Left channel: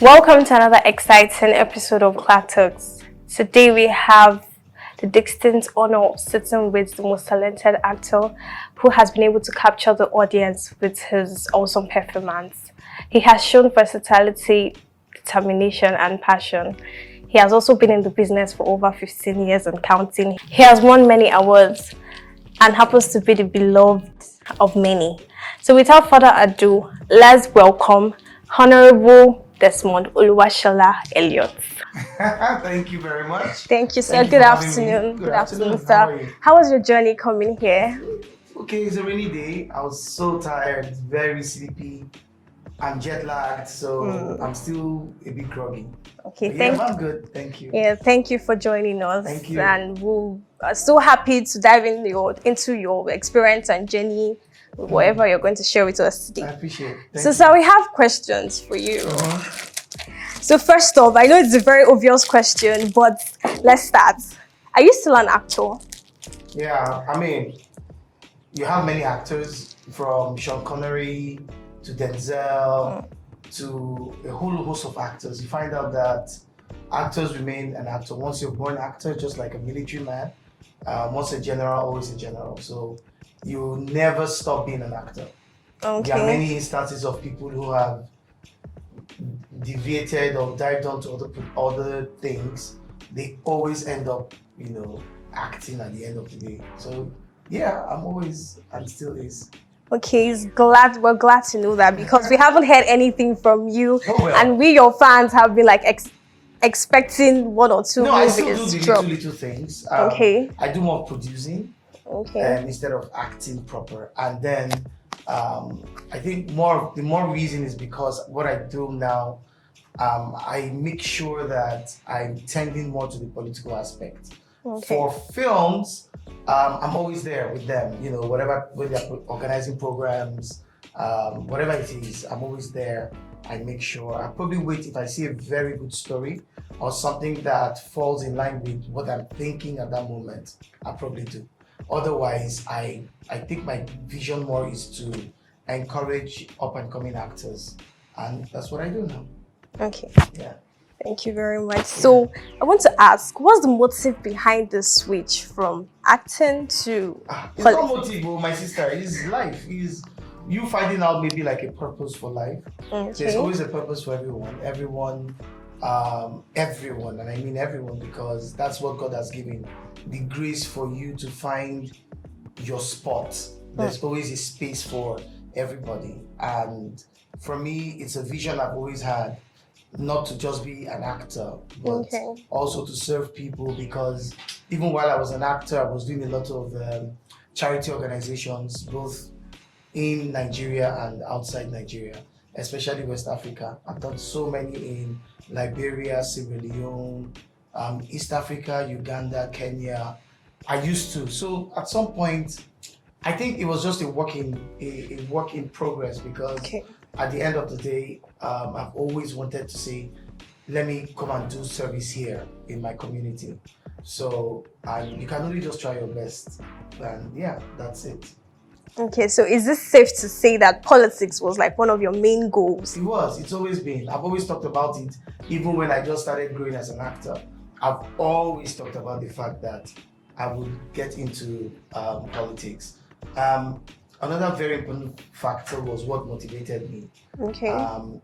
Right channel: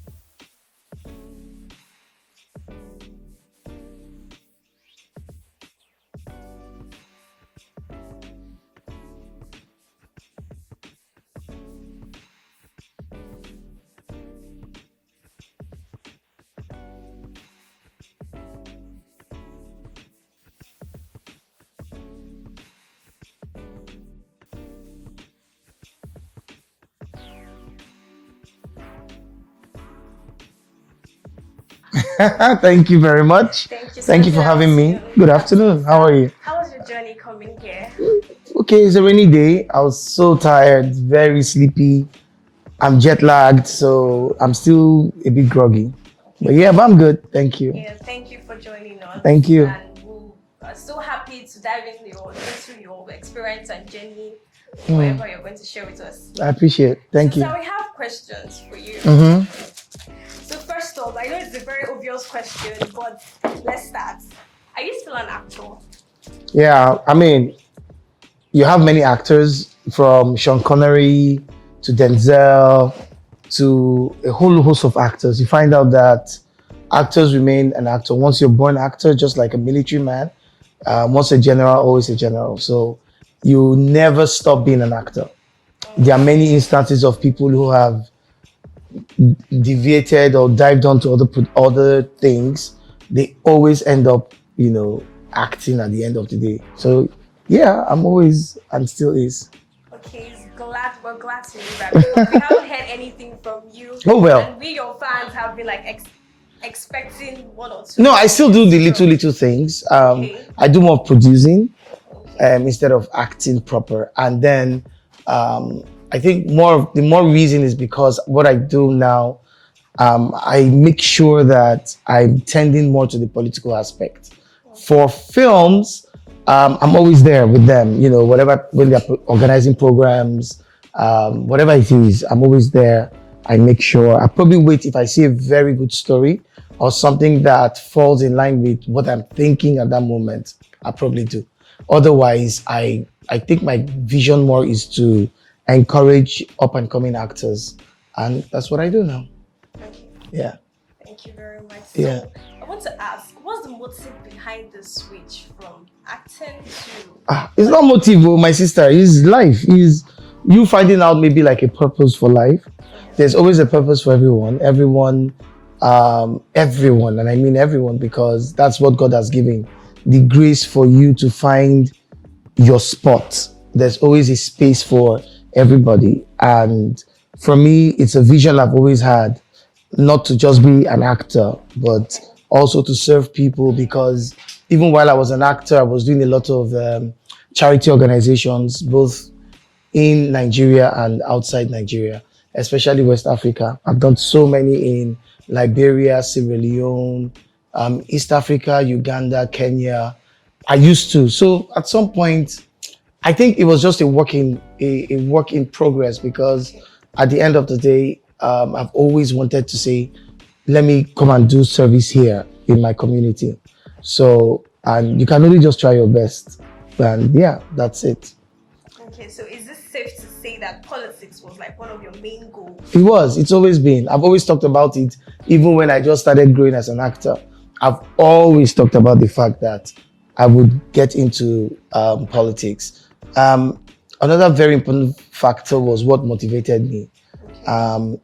Welcome to another exciting episode of Clap Talks. Today we have the distinct honor of sitting with the most talented actor who has been able to capture the audience with his awesome performance. He has shown versatility, determination, and passion. He has also been in the business for over 15 years and counting. He has won many awards and happens to be the beloved of many. So without further ado, let's welcome Honorable Desmond Elliot. Thank you very much. Thank you, sir. Thank you Good for having me. afternoon. Good afternoon. Sir. How are you? How was your journey coming here? Okay, it's a rainy day. I was so tired, very sleepy. I'm jet lagged, so I'm still a bit groggy. Okay, But I'm good. Thank you. Yeah, thank you for joining us. Thank you. And we are so happy to dive into your experience and journey, whatever you're going to share with us today. I appreciate it. Thank you. So we have questions for you. Mm-hmm. So first off, I know it's a very obvious question, but let's start. Are you still an actor? Yeah, I mean, you have many actors from Sean Connery to Denzel to a whole host of actors. You find out that actors remain an actor. Once you're born actor, just like a military man, once a general, always a general. So you never stop being an actor. Okay. There are many instances of people who have deviated or dived onto other things. They always end up, acting at the end of the day. So yeah, I'm always and still is. Okay, we're glad to know that because we haven't heard anything from you. Oh, well. And we, your fans, have been like expecting one or two. No, I still do the little things. Okay. I do more producing okay. Instead of acting proper. And then I think the more reason is because what I do now, I make sure that I'm tending more to the political aspect. Okay. For films, I'm always there with them, whatever, when they're organizing programs, whatever it is, I'm always there. I make sure, I probably wait if I see a very good story or something that falls in line with what I'm thinking at that moment, I probably do. Otherwise, I think my vision more is to encourage up and coming actors. And that's what I do now. Okay. Yeah. Thank you very much. So I want to ask, what's the motive behind the switch from acting to... It's not motive, my sister. It's life. It's you finding out maybe like a purpose for life. Okay. There's always a purpose for everyone. Everyone, and I mean everyone, because that's what God has given. The grace for you to find your spot. There's always a space for everybody. And for me, it's a vision I've always had. Not to just be an actor, but also to serve people, because even while I was an actor, I was doing a lot of charity organizations, both in Nigeria and outside Nigeria, especially West Africa. I've done so many in Liberia, Sierra Leone, East Africa, Uganda, Kenya. I used to. So at some point, I think it was just a work in progress, because at the end of the day, I've always wanted to say, let me come and do service here in my community. So, and you can only just try your best. And yeah, that's it. Okay, so is this safe to say that politics was like one of your main goals? It was. It's always been. I've always talked about it, even when I just started growing as an actor. I've always talked about the fact that I would get into politics. Another very important factor was what motivated me. Okay.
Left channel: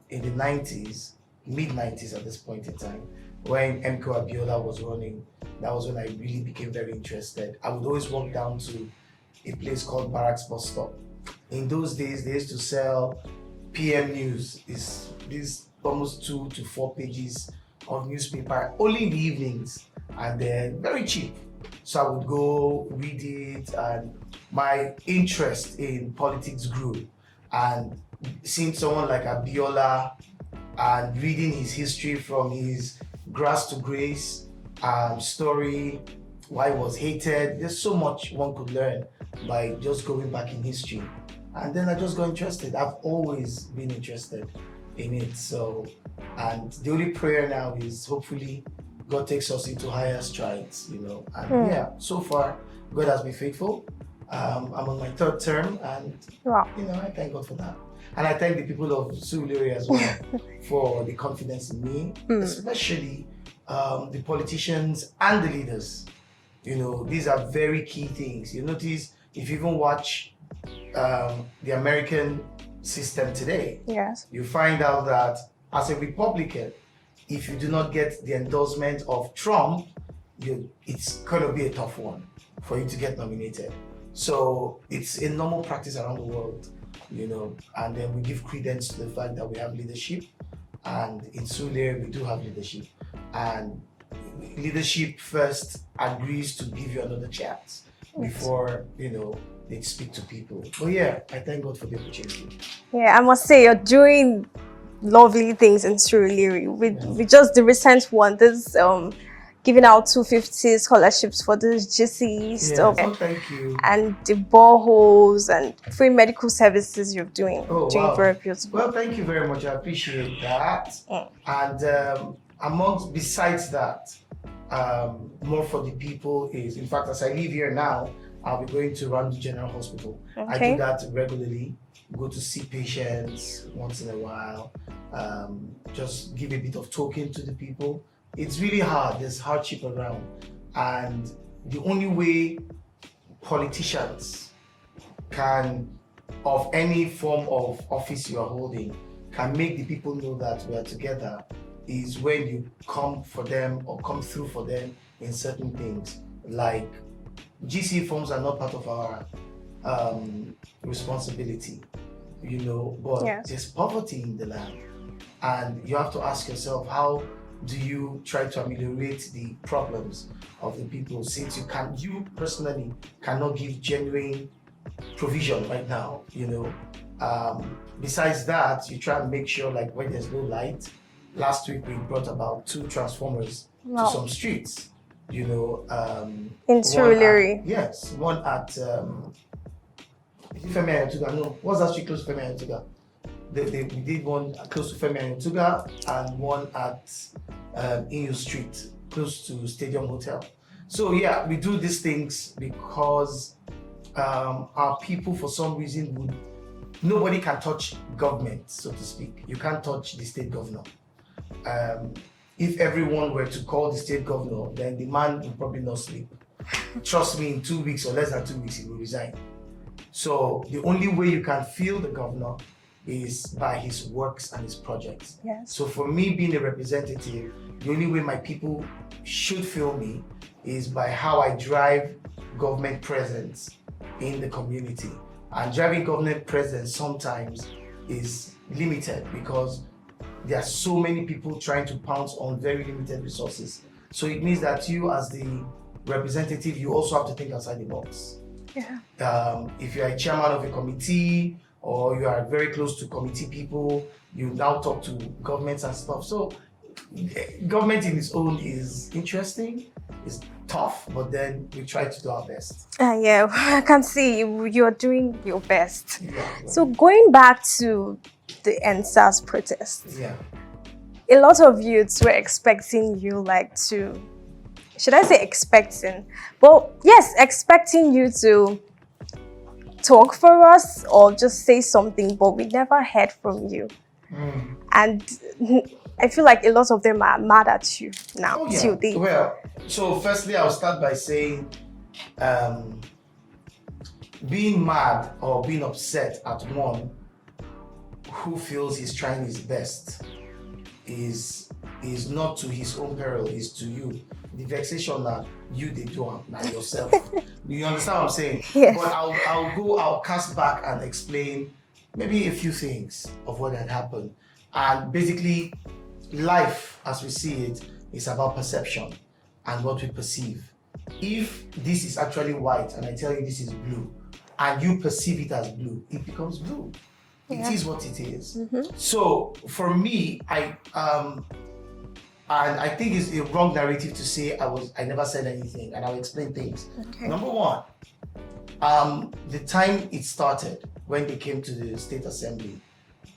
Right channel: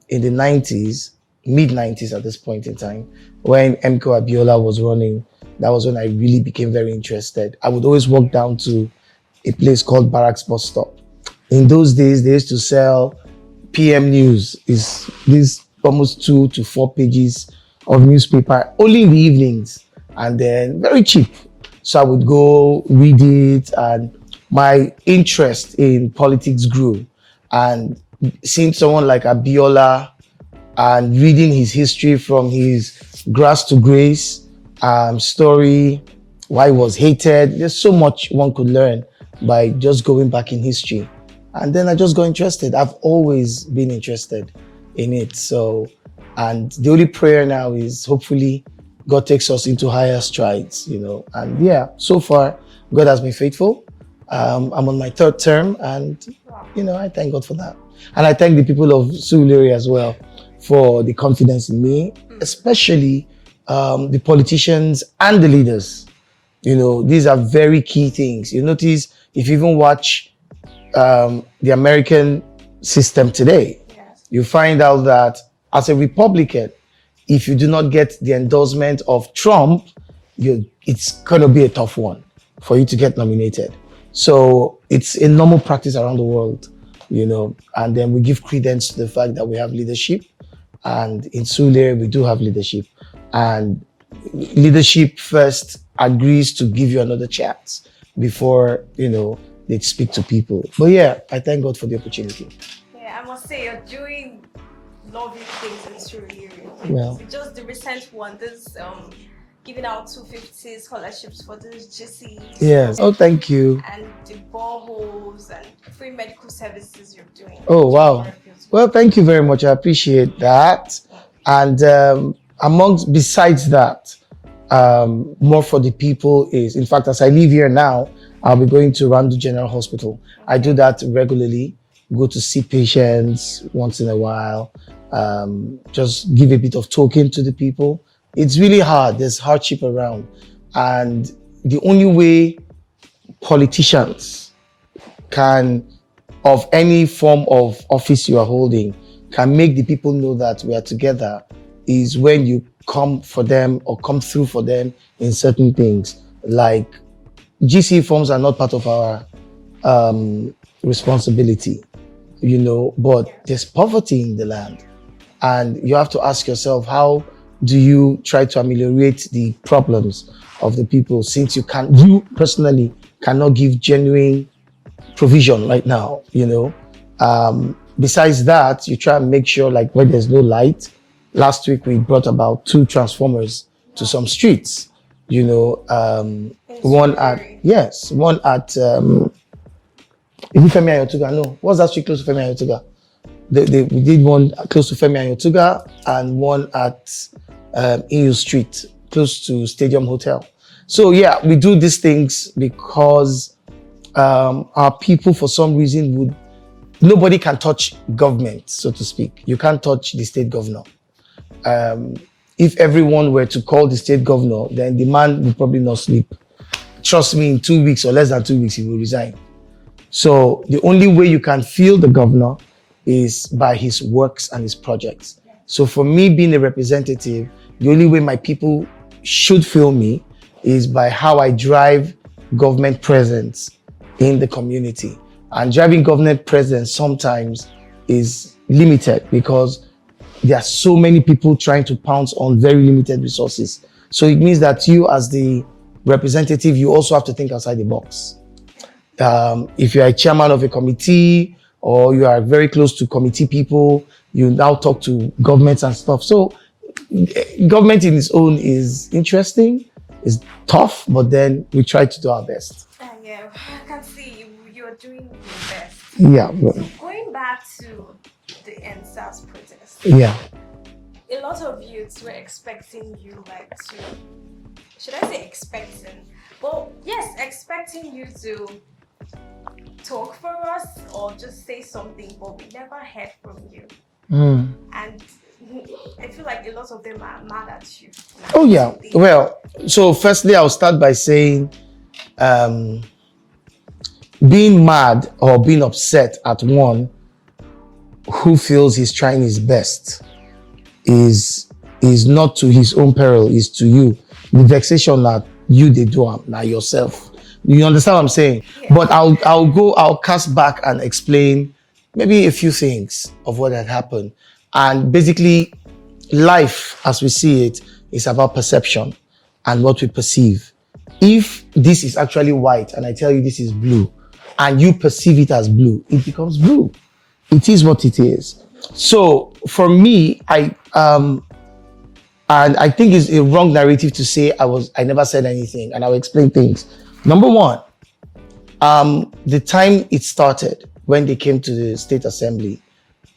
In the 90s, mid-90s at this point in time, when MK Abiola was running, that was when I really became very interested. I would always walk down to a place called Barracks Bus Stop. In those days, they used to sell PM News. It's these almost 2 to 4 pages of newspaper, only in the evenings, and then very cheap. So I would go read it, and my interest in politics grew. And seeing someone like Abiola and reading his history from his grass to grace story, why he was hated. There's so much one could learn by just going back in history. And then I just got interested. I've always been interested in it. So, and the only prayer now is hopefully God takes us into higher strides, And yeah, so far God has been faithful. I'm on my third term, and Wow. I thank God for that. And I thank the people of Surulere as well for the confidence in me, especially the politicians and the leaders. These are very key things. You notice if you even watch the American system today, Yes. you find out that as a Republican, if you do not get the endorsement of Trump, it's going to be a tough one for you to get nominated. So it's a normal practice around the world, and then we give credence to the fact that we have leadership. And in Sule, we do have leadership. And leadership first agrees to give you another chance before, they speak to people. But yeah, I thank God for the opportunity. Yeah, I must say you're doing lovely things in Surulere. With just the recent one, this giving out 250 scholarships for the GC stuff. Oh, thank you. And the boreholes and free medical services you're doing. Oh, wow. Very beautiful. Well, thank you very much. I appreciate that. And besides that, more for the people is, in fact, as I leave here now, I'll be going to Randu General Hospital. Okay. I do that regularly, go to see patients once in a while, just give a bit of talking to the people. It's really hard. There's hardship around. And the only way politicians can, of any form of office you are holding, can make the people know that we are together is when you come for them or come through for them in certain things. Like GC forms are not part of our responsibility, but there's poverty in the land. And you have to ask yourself, how do you try to ameliorate the problems of the people, since you personally cannot give genuine provision right now, besides that, you try and make sure, like, when there's no light. Last week we brought about 2 transformers to some streets, in Surulere. Yes, one at is it Femi Ayotuga? No, what's that street close to Femi Ayotuga? We did one close to Femi Ayotuga and one at EU Street, close to Stadium Hotel. So yeah, we do these things because our people, for some reason, nobody can touch government, so to speak. You can't touch the state governor. If everyone were to call the state governor, then the man will probably not sleep. Trust me, in 2 weeks or less than 2 weeks, he will resign. So the only way you can feel the governor is by his works and his projects. Yes. So for me being a representative, the only way my people should feel me is by how I drive government presence in the community. And driving government presence sometimes is limited because there are so many people trying to pounce on very limited resources. So it means that you, as the representative, you also have to think outside the box. Yeah. If you're a chairman of a committee or you are very close to committee people, you now talk to governments and stuff. So government in its own is interesting, it's tough, but then we try to do our best. Yeah, I can see you're doing your best. Yeah. So going back to the EndSARS protest. Yeah. A lot of youths were expecting you should I say expecting? Well, yes, expecting you to talk for us or just say something, but we never heard from you. And I feel like a lot of them are mad at you now. Oh yeah. Well, so firstly, I'll start by saying being mad or being upset at one who feels he's trying his best is not to his own peril, is to you. The vexation that you they do now yourself. You understand what I'm saying? Yeah. But I'll cast back and explain maybe a few things of what had happened. And basically, life as we see it is about perception and what we perceive. If this is actually white and I tell you this is blue and you perceive it as blue, it becomes blue. It is what it is. Mm-hmm. So for me, and I think it's a wrong narrative to say I never said anything, and I'll explain things. Okay. Number one, the time it started, when they came to the State Assembly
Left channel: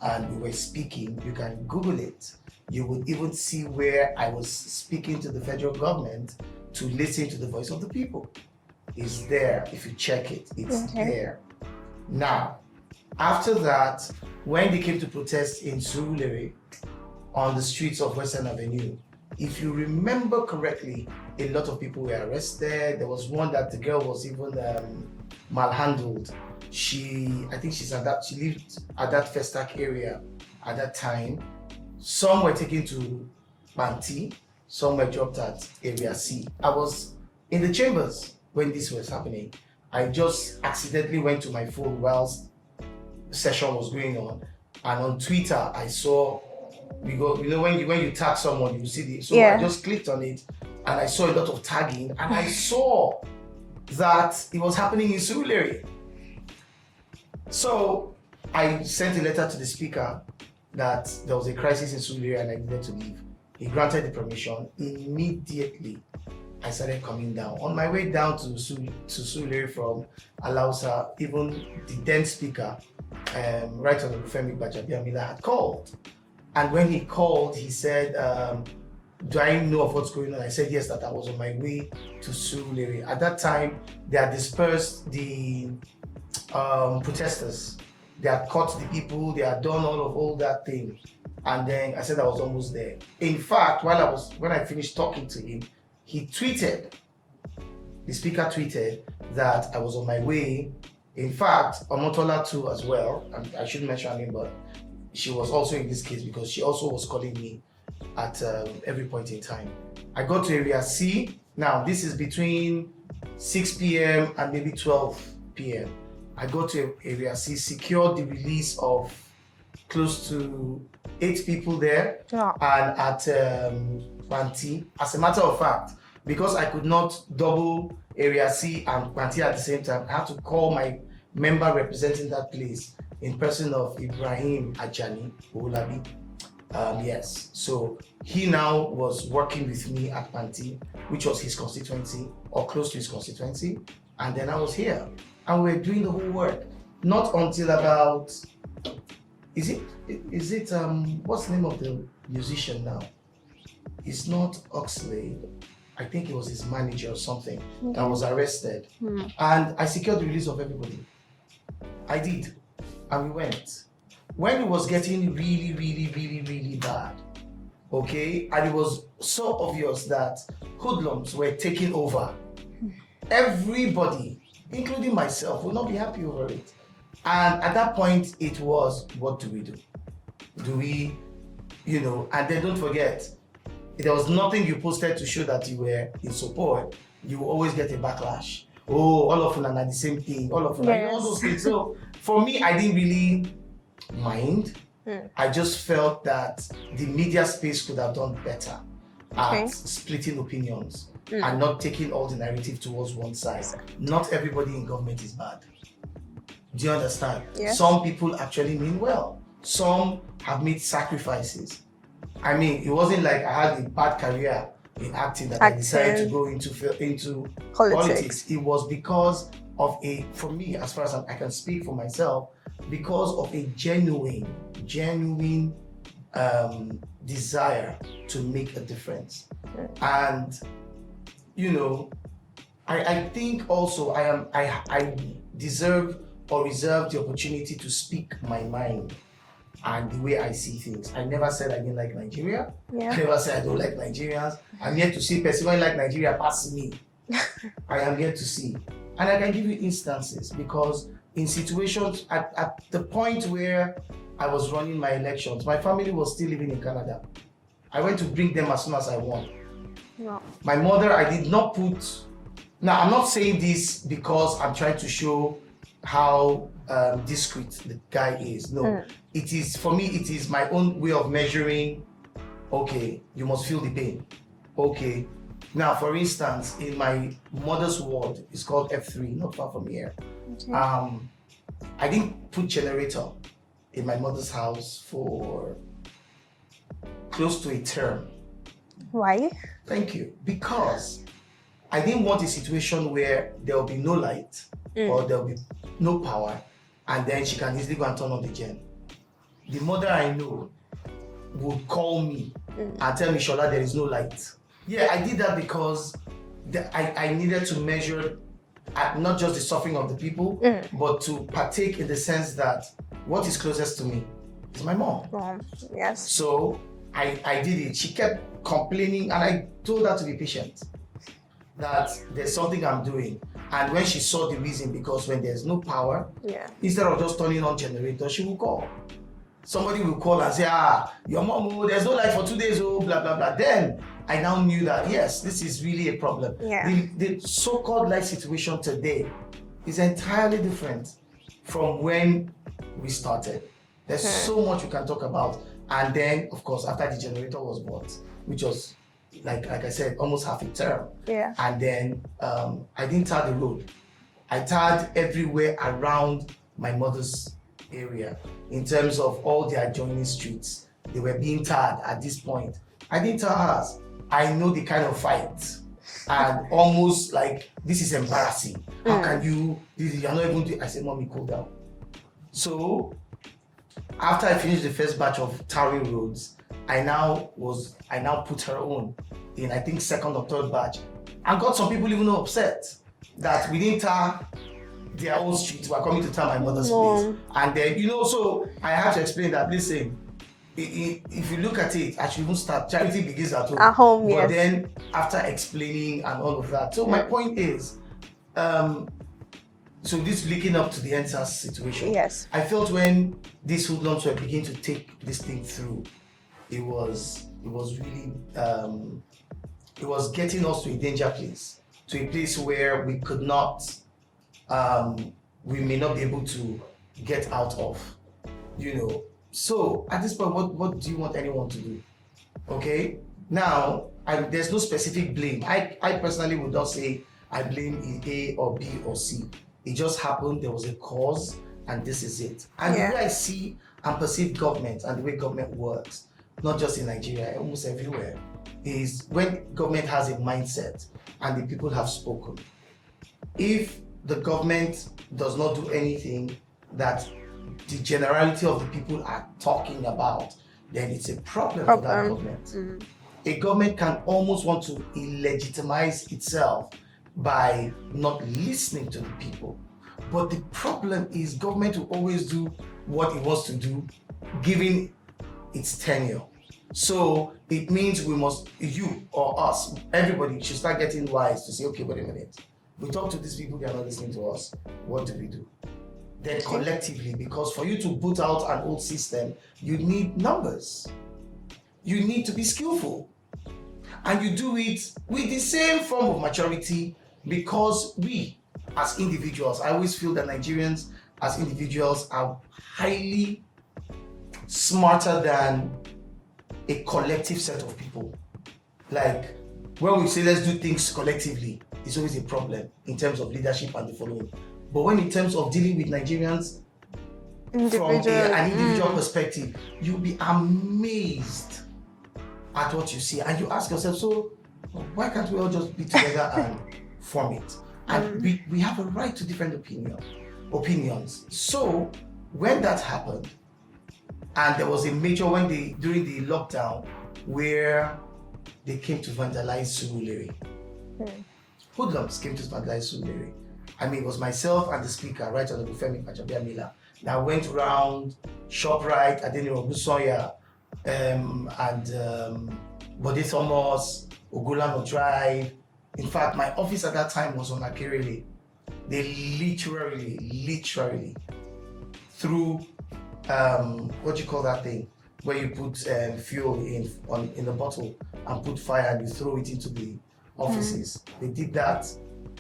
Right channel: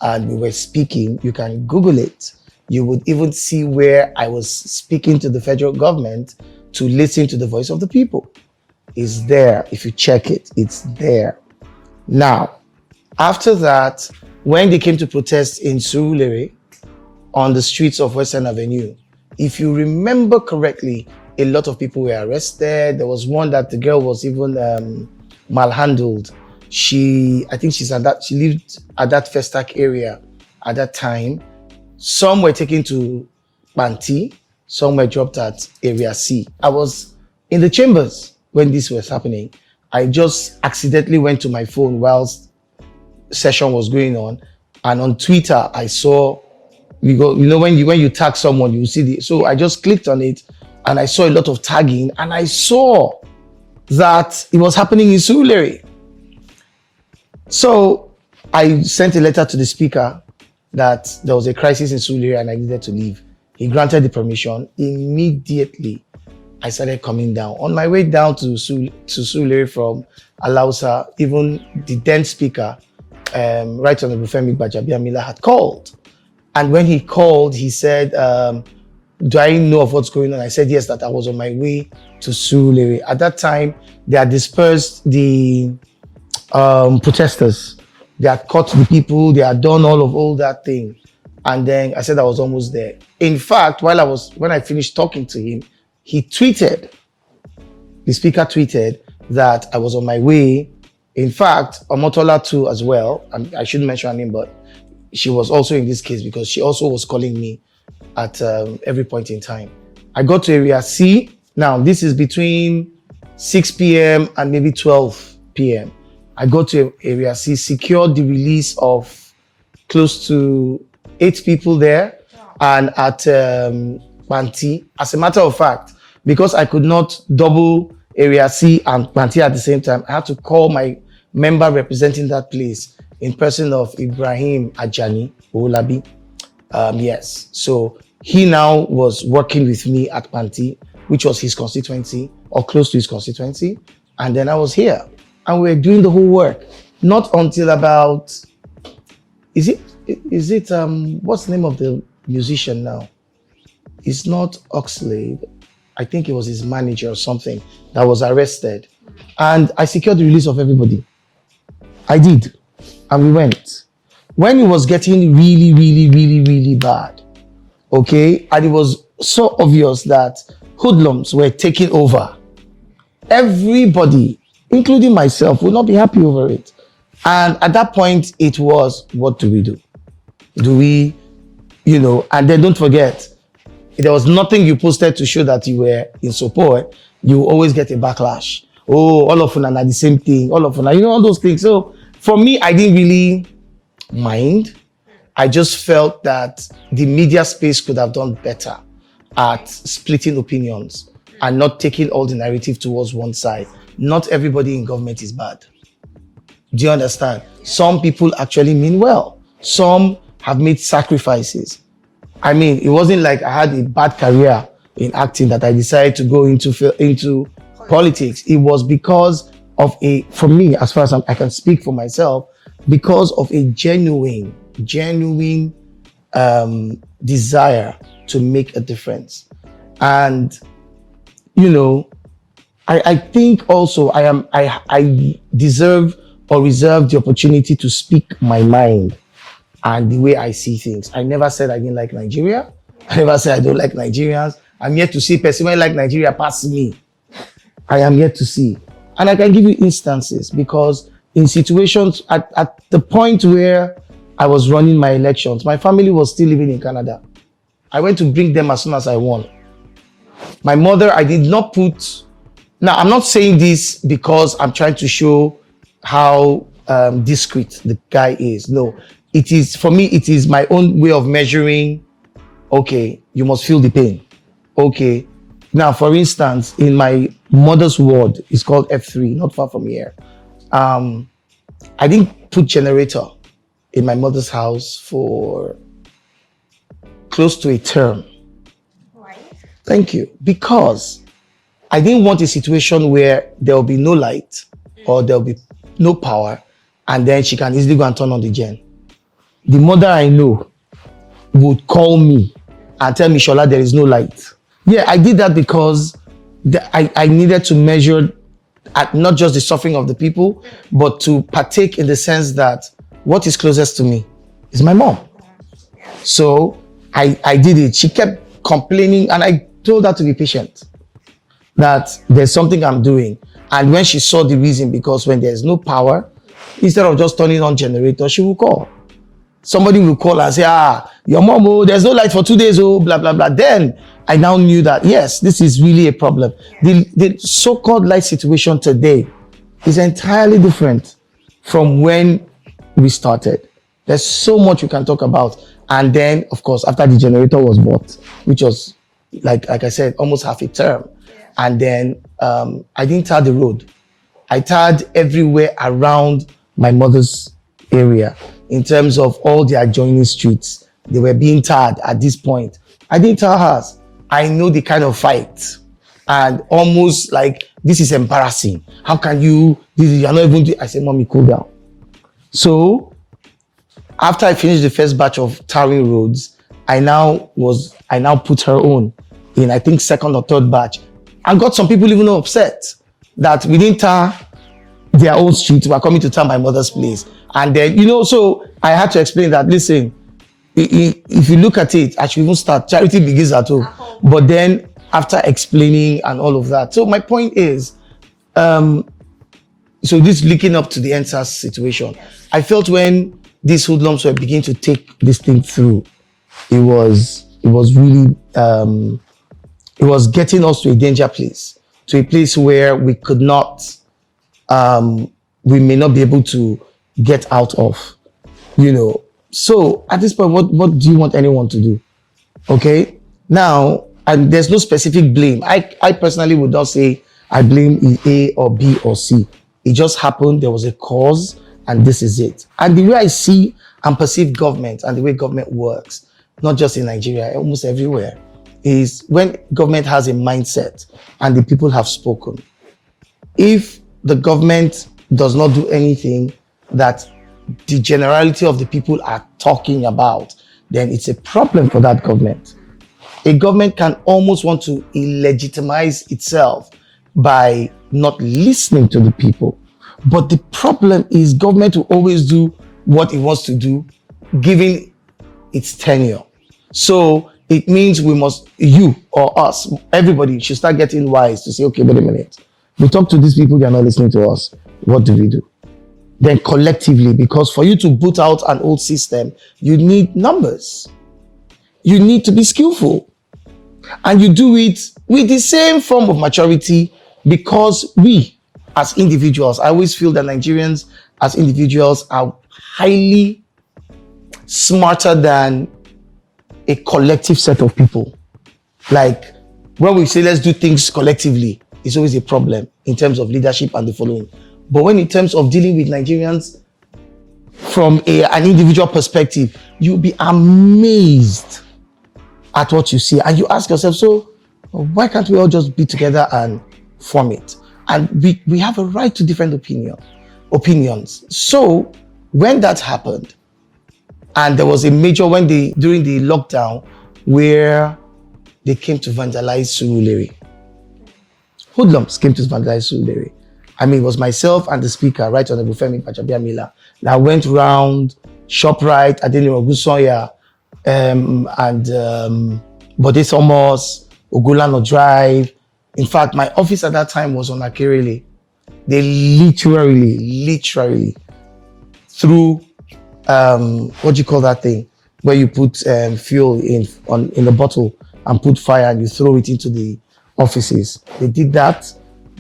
and we were speaking, you can Google it. You would even see where I was speaking to the federal government to listen to the voice of the people. is there. If you check it, it's there. Now, after that, when they came to protest in Surulere on the streets of Western Avenue, if you remember correctly, a lot of people were arrested. There was one that the girl was even malhandled. I think she lived at that Festac area at that time. Some were taken to Banti, some were dropped at Area C. I was in the chambers when this was happening. I just accidentally went to my phone whilst session was going on, and on Twitter I saw, when you tag someone, you see I just clicked on it and I saw a lot of tagging, and I saw that it was happening in Surulere. So I sent a letter to the speaker that there was a crisis in Surulere and I needed to leave. He granted the permission. Immediately, I started coming down. On my way down to Surulere from Alausa, even the then speaker, Right Honorable Femi Gbajabiamila, had called. And when he called, he said, do I know of what's going on? I said, yes, that I was on my way to Surulere. At that time, they had dispersed the protesters. They had caught the people. They had done all that thing. And then I said I was almost there. In fact, when I finished talking to him, the speaker tweeted that I was on my way. In fact, Omotola too as well. I shouldn't mention her name, but she was also in this case because she also was calling me at every point in time. I got to Area C. Now, this is between 6 p.m. and maybe 12 p.m. I got to Area C, secured the release of close to 8 people there. Yeah. And at Banti, as a matter of fact, because I could not double Area C and Banti at the same time, I had to call my member representing that place in person of Ibrahim Ajani Olabi. Yes, so he now was working with me at Banti, which was his constituency or close to his constituency. And then I was here and we were doing the whole work. Not until about, is it what's the name of the musician now? It's not Oxlade. I think it was his manager or something that was arrested. And I secured the release of everybody. I did. And we went. When it was getting really, really, really, really bad, okay, and it was so obvious that hoodlums were taking over, everybody, including myself, would not be happy over it. And at that point, it was, what do we do? Do we, and then don't forget, there was nothing you posted to show that you were in support. You always get a backlash. Oh, all of them are the same thing. All of them, all those things. So for me, I didn't really mind. I just felt that the media space could have done better at splitting opinions and not taking all the narrative towards one side. Not everybody in government is bad. Do you understand? Yeah. Some people actually mean well. Some have made sacrifices. I mean, it wasn't like I had a bad career in acting that I decided to go into politics. It was because of for me, as far as I can speak for myself, because of a genuine desire to make a difference. And, I think also I deserve or reserve the opportunity to speak my mind and the way I see things. I never said I didn't like Nigeria. Yeah. I never said I don't like Nigerians. I'm yet to see person like Nigeria pass me. I am yet to see. And I can give you instances because in situations at the point where I was running my elections, my family was still living in Canada. I went to bring them as soon as I won. Yeah. My mother, I did not put. Now, I'm not saying this because I'm trying to show how discreet the guy is. No, it is, for me, it is my own way of measuring, okay, you must feel the pain. Okay. Now, for instance, in my mother's ward, it's called F3, not far from here. I didn't put generator in my mother's house for close to a term. Why? Thank you. Because I didn't want a situation where there will be no light or there will be no power and then she can easily go and turn on the gen. The mother I know would call me and tell me, Shola, there is no light. Yeah, I did that because I needed to measure at not just the suffering of the people, but to partake in the sense that what is closest to me is my mom. Yes. So I did it. She kept complaining, and I told her to be patient, that there's something I'm doing. And when she saw the reason, because when there's no power, instead of just turning on generator, she will call. Somebody will call and say, your mom, oh, there's no light for 2 days, oh, blah, blah, blah. Then I now knew that, yes, this is really a problem. Yeah. The so-called light situation today is entirely different from when we started. There's so much we can talk about. And then, of course, after the generator was bought, which was, like I said, almost half a term. Yeah. And then I didn't tar the road. I tarred everywhere around my mother's area in terms of all the adjoining streets. They were being tarred at this point. I didn't tar hers. I know the kind of fight. And almost like, this is embarrassing. How can you, you're not even, I said, Mommy, cool down. So after I finished the first batch of tarring roads, I now put her on in, I think, second or third batch. And got some people even upset that we didn't tar their own street. We are coming to tar my mother's place. And then, so I had to explain that, listen, if you look at it, I should even start, charity begins at home. But then after explaining and all of that. So my point is, so this linking up to the EndSARS situation. Yes. I felt when these hoodlums were beginning to take this thing through, it was really, it was getting us to a danger place, to a place where we could not, we may not be able to get out of, So at this point, what do you want anyone to do? Okay? Now, and there's no specific blame. I personally would not say I blame A or B or C. It just happened, there was a cause, and this is it. And the way I see and perceive government and the way government works, not just in Nigeria, almost everywhere, is when government has a mindset and the people have spoken. If the government does not do anything that the generality of the people are talking about, then it's a problem for that government. A government can almost want to illegitimize itself by not listening to the people. But the problem is government will always do what it wants to do, given its tenure. So it means we must, you or us, everybody should start getting wise to say, okay, wait a minute. We talk to these people, they're not listening to us. What do we do? Then collectively, because for you to boot out an old system, you need numbers. You need to be skillful. And you do it with the same form of maturity, because we, as individuals, I always feel that Nigerians as individuals are highly smarter than a collective set of people. Like when we say let's do things collectively, it's always a problem in terms of leadership and the following. But when in terms of dealing with Nigerians from an individual perspective, you'll be amazed at what you see. And you ask yourself, so why can't we all just be together and form it? And we have a right to different opinions. So when that happened, and there was a major, during the lockdown, where they came to vandalize Surulere. Hoodlums came to vandalize Surulere. I mean, it was myself and the speaker, Right Honorable Femi Gbajabiamila, that went round ShopRite, Adeniro Ogunsanya, and Bode Thomas, Ogulano Drive. In fact, my office at that time was on Akerele. They literally threw, what do you call that thing? Where you put fuel in a bottle and put fire and you throw it into the offices. They did that.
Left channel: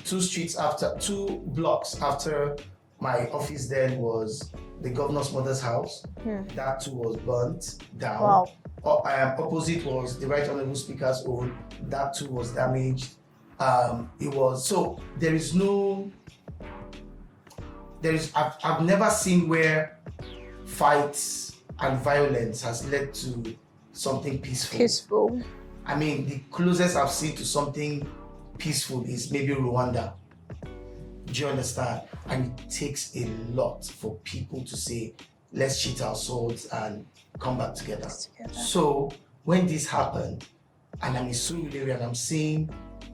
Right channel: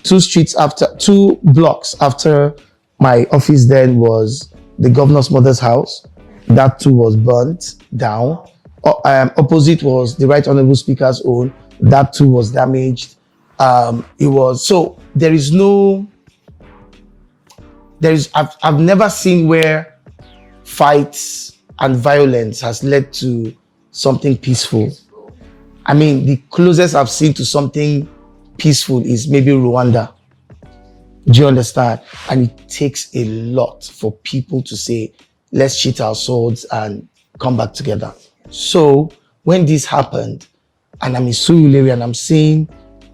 2 blocks after my office then was the governor's mother's house. That too was burnt down. Wow. Opposite was the Right Honorable Speaker's own. That too was damaged. I've never seen where fights and violence has led to something peaceful. I mean, the closest I've seen to something peaceful is maybe Rwanda. Do you understand? And it takes a lot for people to say, let's sheath our swords and come back together. So when this happened, and I'm in Surulere and I'm seeing,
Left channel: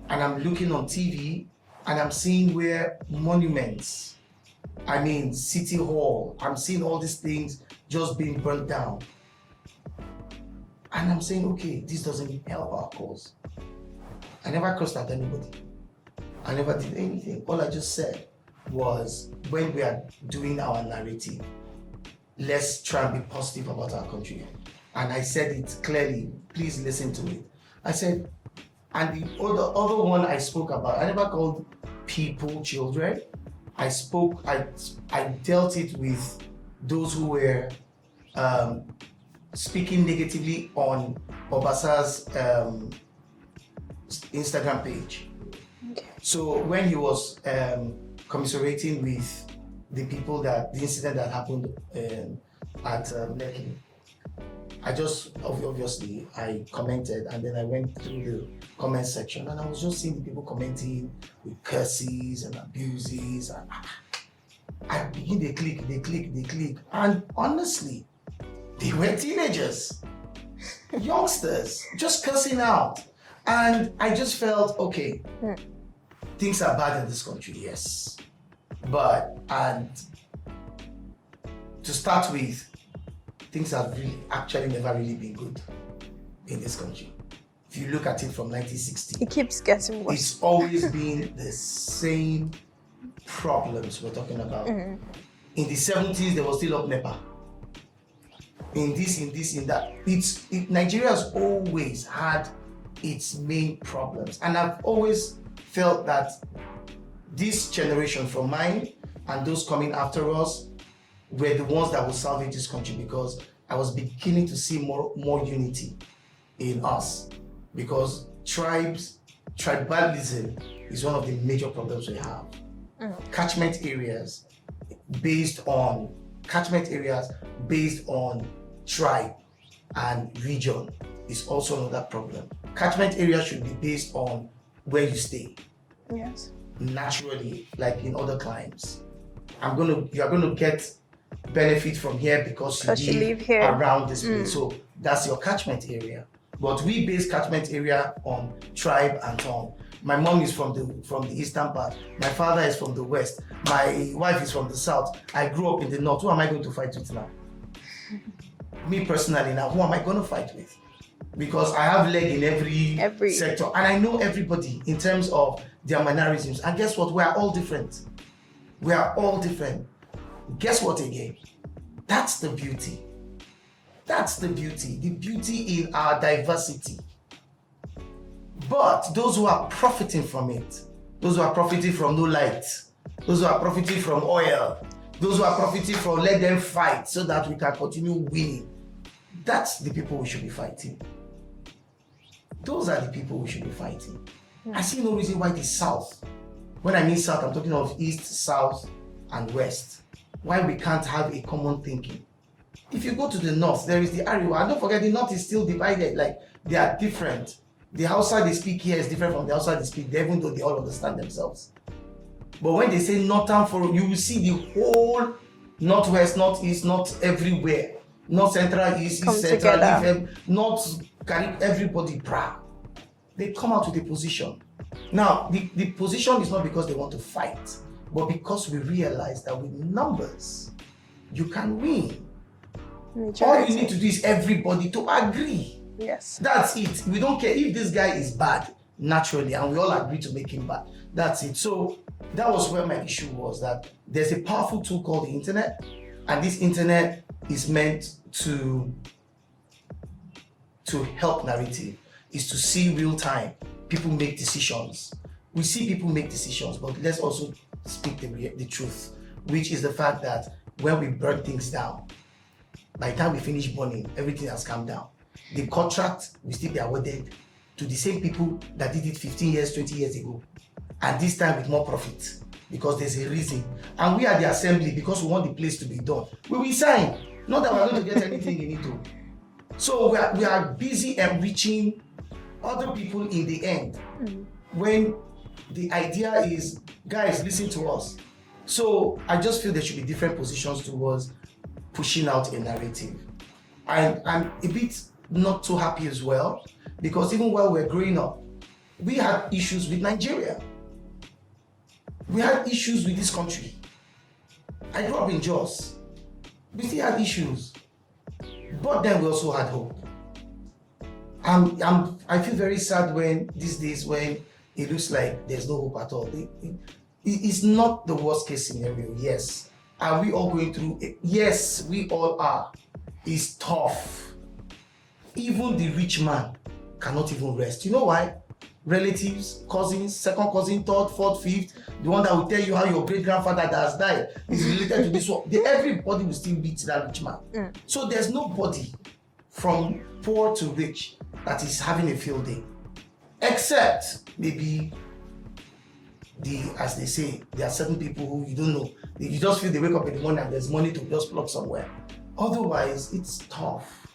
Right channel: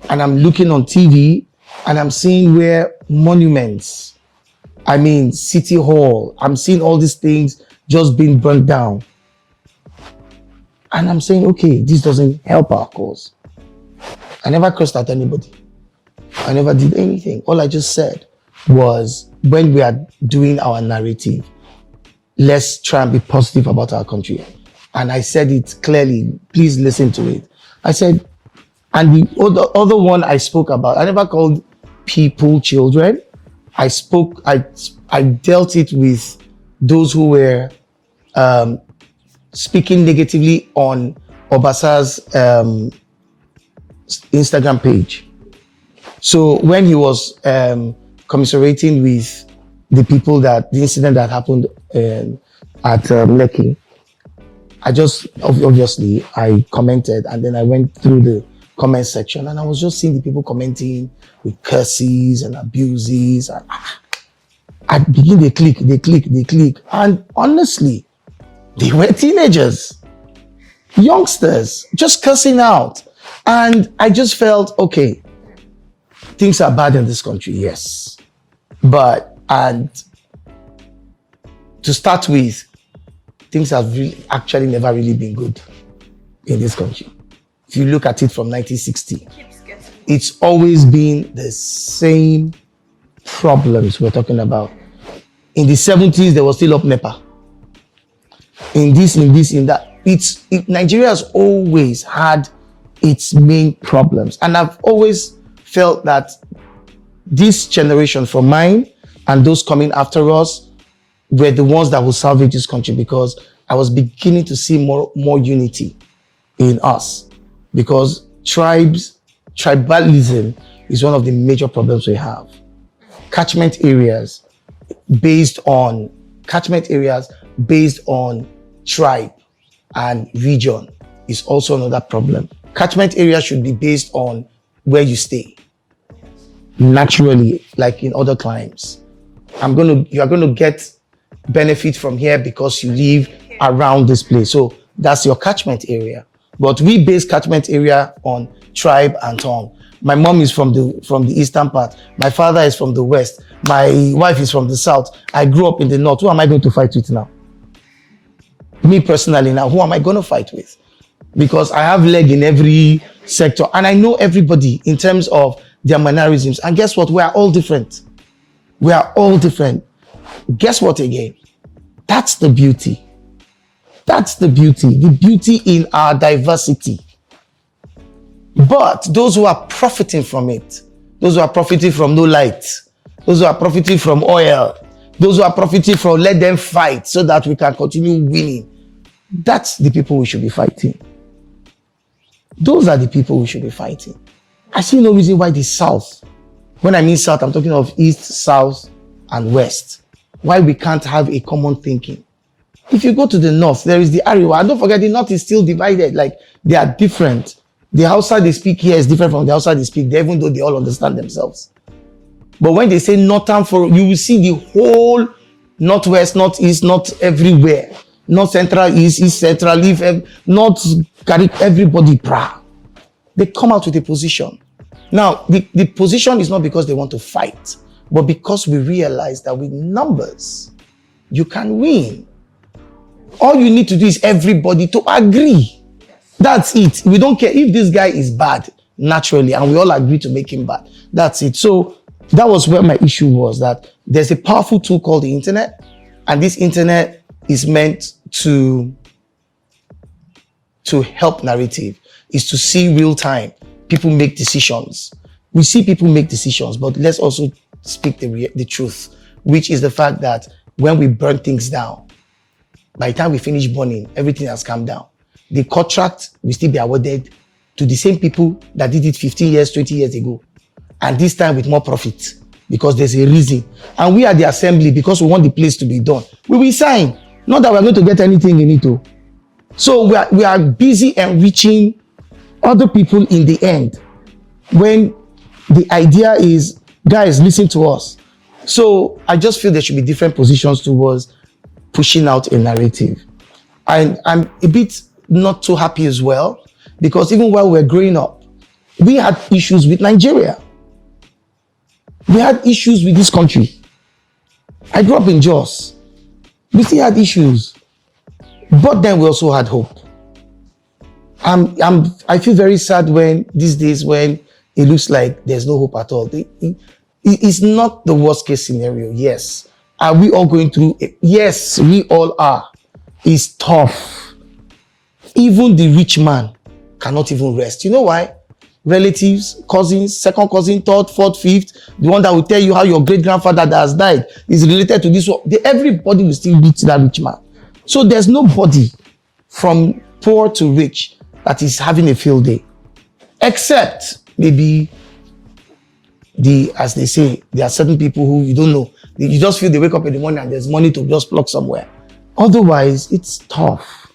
and I'm looking on TV, and I'm seeing where monuments, I mean, City Hall, I'm seeing all these things just being burnt down. And I'm saying, okay, this doesn't help our cause. I never cursed at anybody. I never did anything. All I just said was, when we are doing our narrative, let's try and be positive about our country. And I said it clearly, please listen to it. I said, and the other one I spoke about, I never called people children. I dealt it with those who were speaking negatively on Obasa's Instagram page. So when he was commiserating with the people the incident that happened at Lekki, I just, obviously, I commented, and then I went through the comment section, and I was just seeing the people commenting with curses and abuses, and I begin, they click, and honestly, they were teenagers, youngsters, just cursing out. And I just felt, okay, things are bad in this country, yes. But, and to start with, things have actually never really been good in this country. If you look at it from 1960, it keeps getting worse. It's always been the same problems we're talking about. In the 70s, there was still up NEPA. In that. Nigeria has always had its main problems. And I've always felt that this generation, from mine and those coming after us, were the ones that will salvage this country, because I was beginning to see more unity in us. Because tribalism is one of the major problems we have. Catchment areas based on tribe and region is also another problem. Catchment areas should be based on where you stay. Yes. Naturally, like in other climes. You are gonna get benefit from here because you live around this place. So that's your catchment area. But we base catchment area on tribe and tongue. My mom is from the eastern part. My father is from the west. My wife is from the south. I grew up in the north. Who am I going to fight with now? Me personally now, who am I going to fight with? Because I have leg in every sector, and I know everybody in terms of their mannerisms. And guess what? We are all different. Guess what again? That's the beauty. The beauty in our diversity. But those who are profiting from it, those who are profiting from no light, those who are profiting from oil, those who are profiting from let them fight so that we can continue winning, that's the people we should be fighting. Those are the people we should be fighting. I see no reason why the South, when I mean South, I'm talking of East, South, and West, why we can't have a common thinking. If you go to the North, there is the Ariwa. And don't forget, the North is still divided. Like, they are different. The Hausa they speak here is different from the Hausa they speak there, even though they all understand themselves. But when they say Northern, you will see the whole Northwest, Northeast, not everywhere. North Central, East Central, North, everybody, they come out with a position. Now, the position is not because they want to fight, but because we realize that with numbers, you can win. All you need to do is everybody to agree. Yes. That's it. We don't care if this guy is bad, naturally, and we all agree to make him bad. That's it. So that was where my issue was, that there's a powerful tool called the internet, and this internet is meant to help narrative, is to see real time. People make decisions. We see people make decisions, but let's also speak the truth, which is the fact that when we burn things down, by the time we finish burning, everything has calmed down. The contract will still be awarded to the same people that did it 15 years, 20 years ago. And this time with more profit, because there's a reason. And we are the assembly, because we want the place to be done. We will sign. Not that we're going to get anything in it. So we are busy enriching other people in the end. When the idea is, guys, listen to us. So I just feel there should be different positions towards pushing out a narrative. I'm a bit not too happy as well, because even while we're growing up, we had issues with Nigeria. We had issues with this country. I grew up in Jos. We still had issues. But then we also had hope. I feel very sad when these days when it looks like there's no hope at all. It's not the worst case scenario, yes. Are we all going through it? Yes, we all are. It's tough. Even the rich man cannot even rest. You know why? Relatives, cousins, second cousin, third, fourth, fifth, the one that will tell you how your great-grandfather that has died is related to this one. Everybody will still beat that rich man. So there's nobody from poor to rich that is having a field day. Except maybe as they say, there are certain people who you don't know. You just feel they wake up in the morning and there's money to just plug somewhere. Otherwise, it's tough.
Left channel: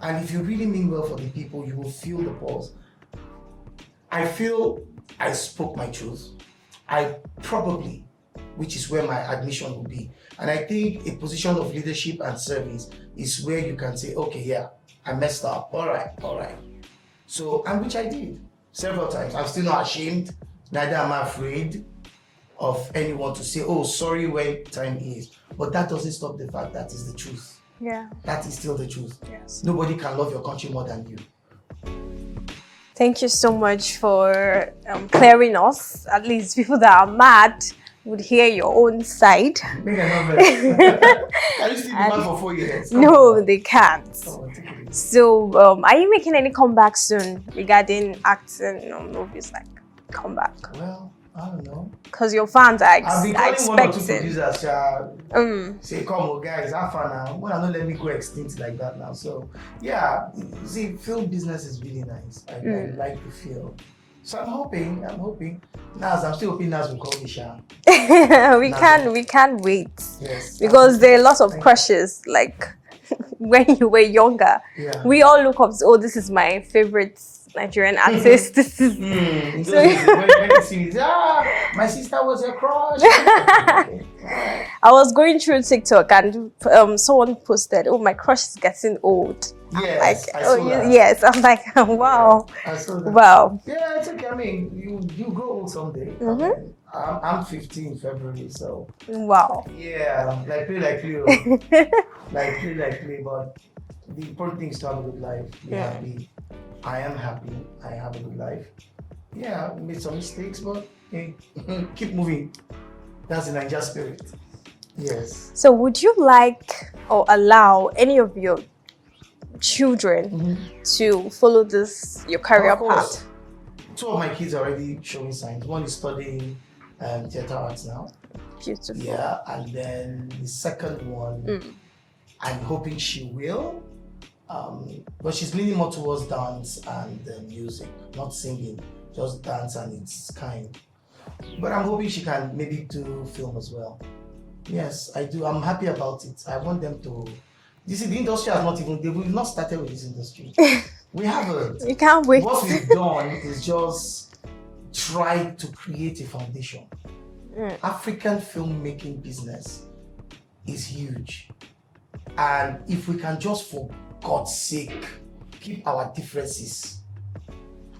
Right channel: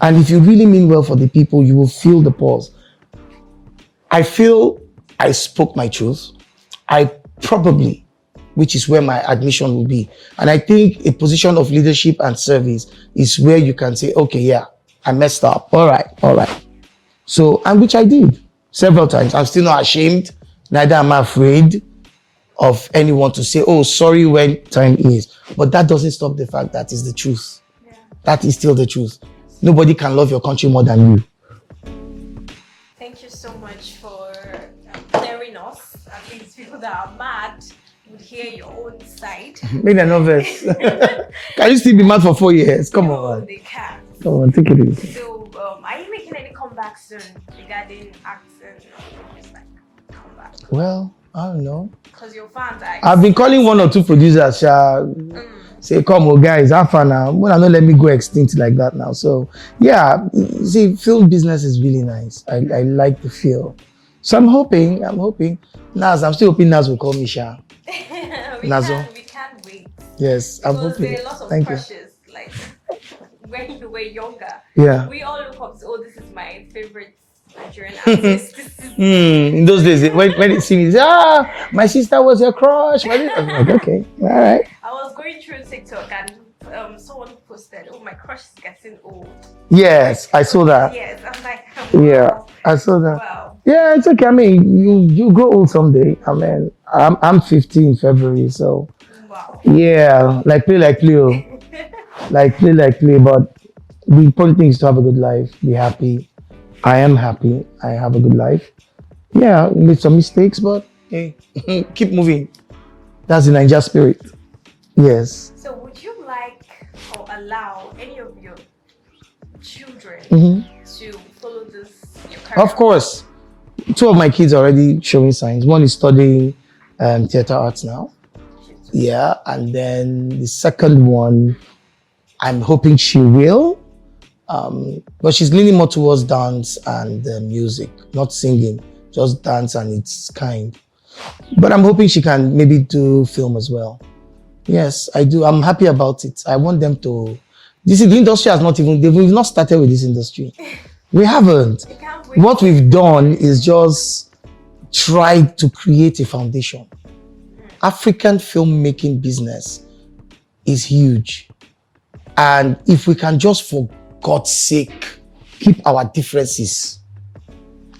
And if you really mean well for the people, you will feel the pulse. I feel I spoke my truth. I probably, which is where my admission will be. And I think a position of leadership and service is where you can say, okay, yeah, I messed up. All right. So, and which I did several times. I'm still not ashamed. Neither am I afraid of anyone to say, oh, sorry when time is. But that doesn't stop the fact that is the truth. Yeah. That is still the truth. Yes. Nobody can love your country more than you. Thank you so much for clearing us. At least people that are mad would hear your own side. Maybe I'm not very. Can you still be mad for 4 years? Come no, on. they can't. Come on, take it easy. So, are you making any comeback soon regarding acting or movies like comeback? Well, I don't know. Because your fans are I've been calling one or two producers. Say, come on, guys, have fun now. Well, not let me go extinct like that now. So, yeah, see, film business is really nice. I like the feel. So I'm hoping. Naz, I'm still hoping Naz will call me Sha. we can't wait. Yes. Because there are lots of crushes. Like when you were younger, we all look up to, oh, this is my favorite Nigerian artist. This is in those days when they see me, they say, my sister was your crush. I'm like, okay, all right. I was going through TikTok and someone posted, oh, my crush is getting old. Yes, like, I saw that. Yes, I'm like, wow. Yeah, I saw that. Wow. Yeah, it's okay. I mean, you grow old someday. I mean, I'm 50 in February, so. Wow. Yeah, like play. Like play. But the important thing is to have a good life, be happy. I am happy. I have a good life. Yeah, made some mistakes, but hey, keep moving. That's the Niger spirit. Yes. So would you like or allow any of your children to follow your career Of course. Path? 2 of my kids are already showing signs. One is studying theater arts now. Beautiful. Yeah, and then the second one, I'm hoping she will. But she's leaning more towards dance and music, not singing, just dance and its kind. But I'm hoping she can maybe do film as well. Yes, I do. I'm happy about it. I want them to. The industry has we've not started with this industry. We haven't. You can't wait. What we've done is just try to create a foundation. African filmmaking business is huge. And if we can just, for God's sake, keep our differences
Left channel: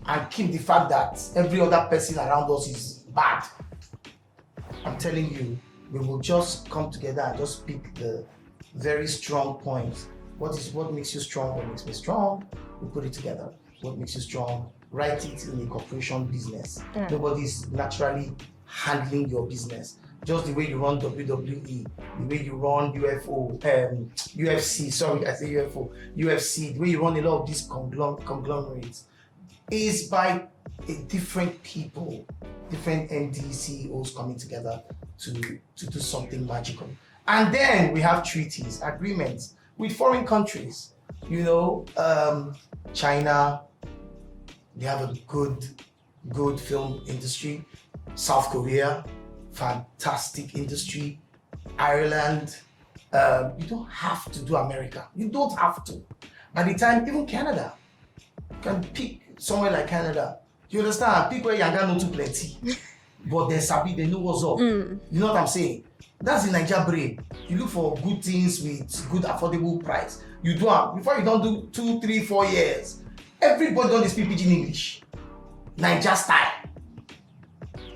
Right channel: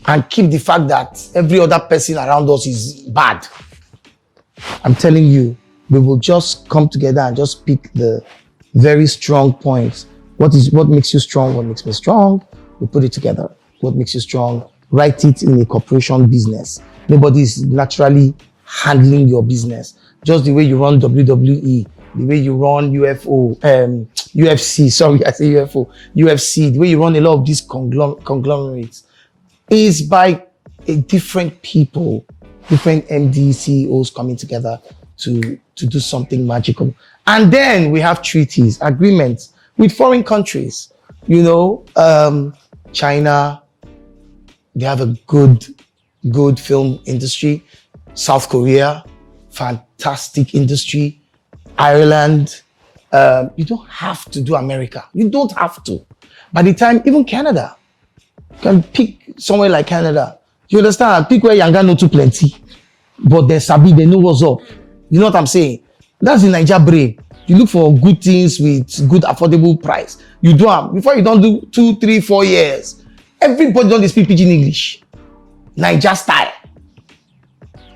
and keep the fact that every other person around us is bad, I'm telling you, we will just come together and just pick the very strong points. What makes you strong? What makes me strong? We put it together. What makes you strong? Write it in a corporation business. Nobody is naturally handling your business. Just the way you run WWE, the way you run UFC, sorry, I say UFO, UFC, the way you run a lot of these conglomerates is by different people, different MD CEOs coming together to do something magical. And then we have treaties, agreements with foreign countries. You know, China, they have a good film industry. South Korea, fantastic industry. Ireland, you don't have to do America. You don't have to. By the time, even Canada, you can pick somewhere like Canada. You understand? Pick where Yanga no too plenty. But they sabi, they know what's up. You know what I'm saying? That's the Niger brain. You look for good things with good affordable price. You do them. Before you don't do 2, 3, 4 years, everybody don't speak pidgin English. Niger style.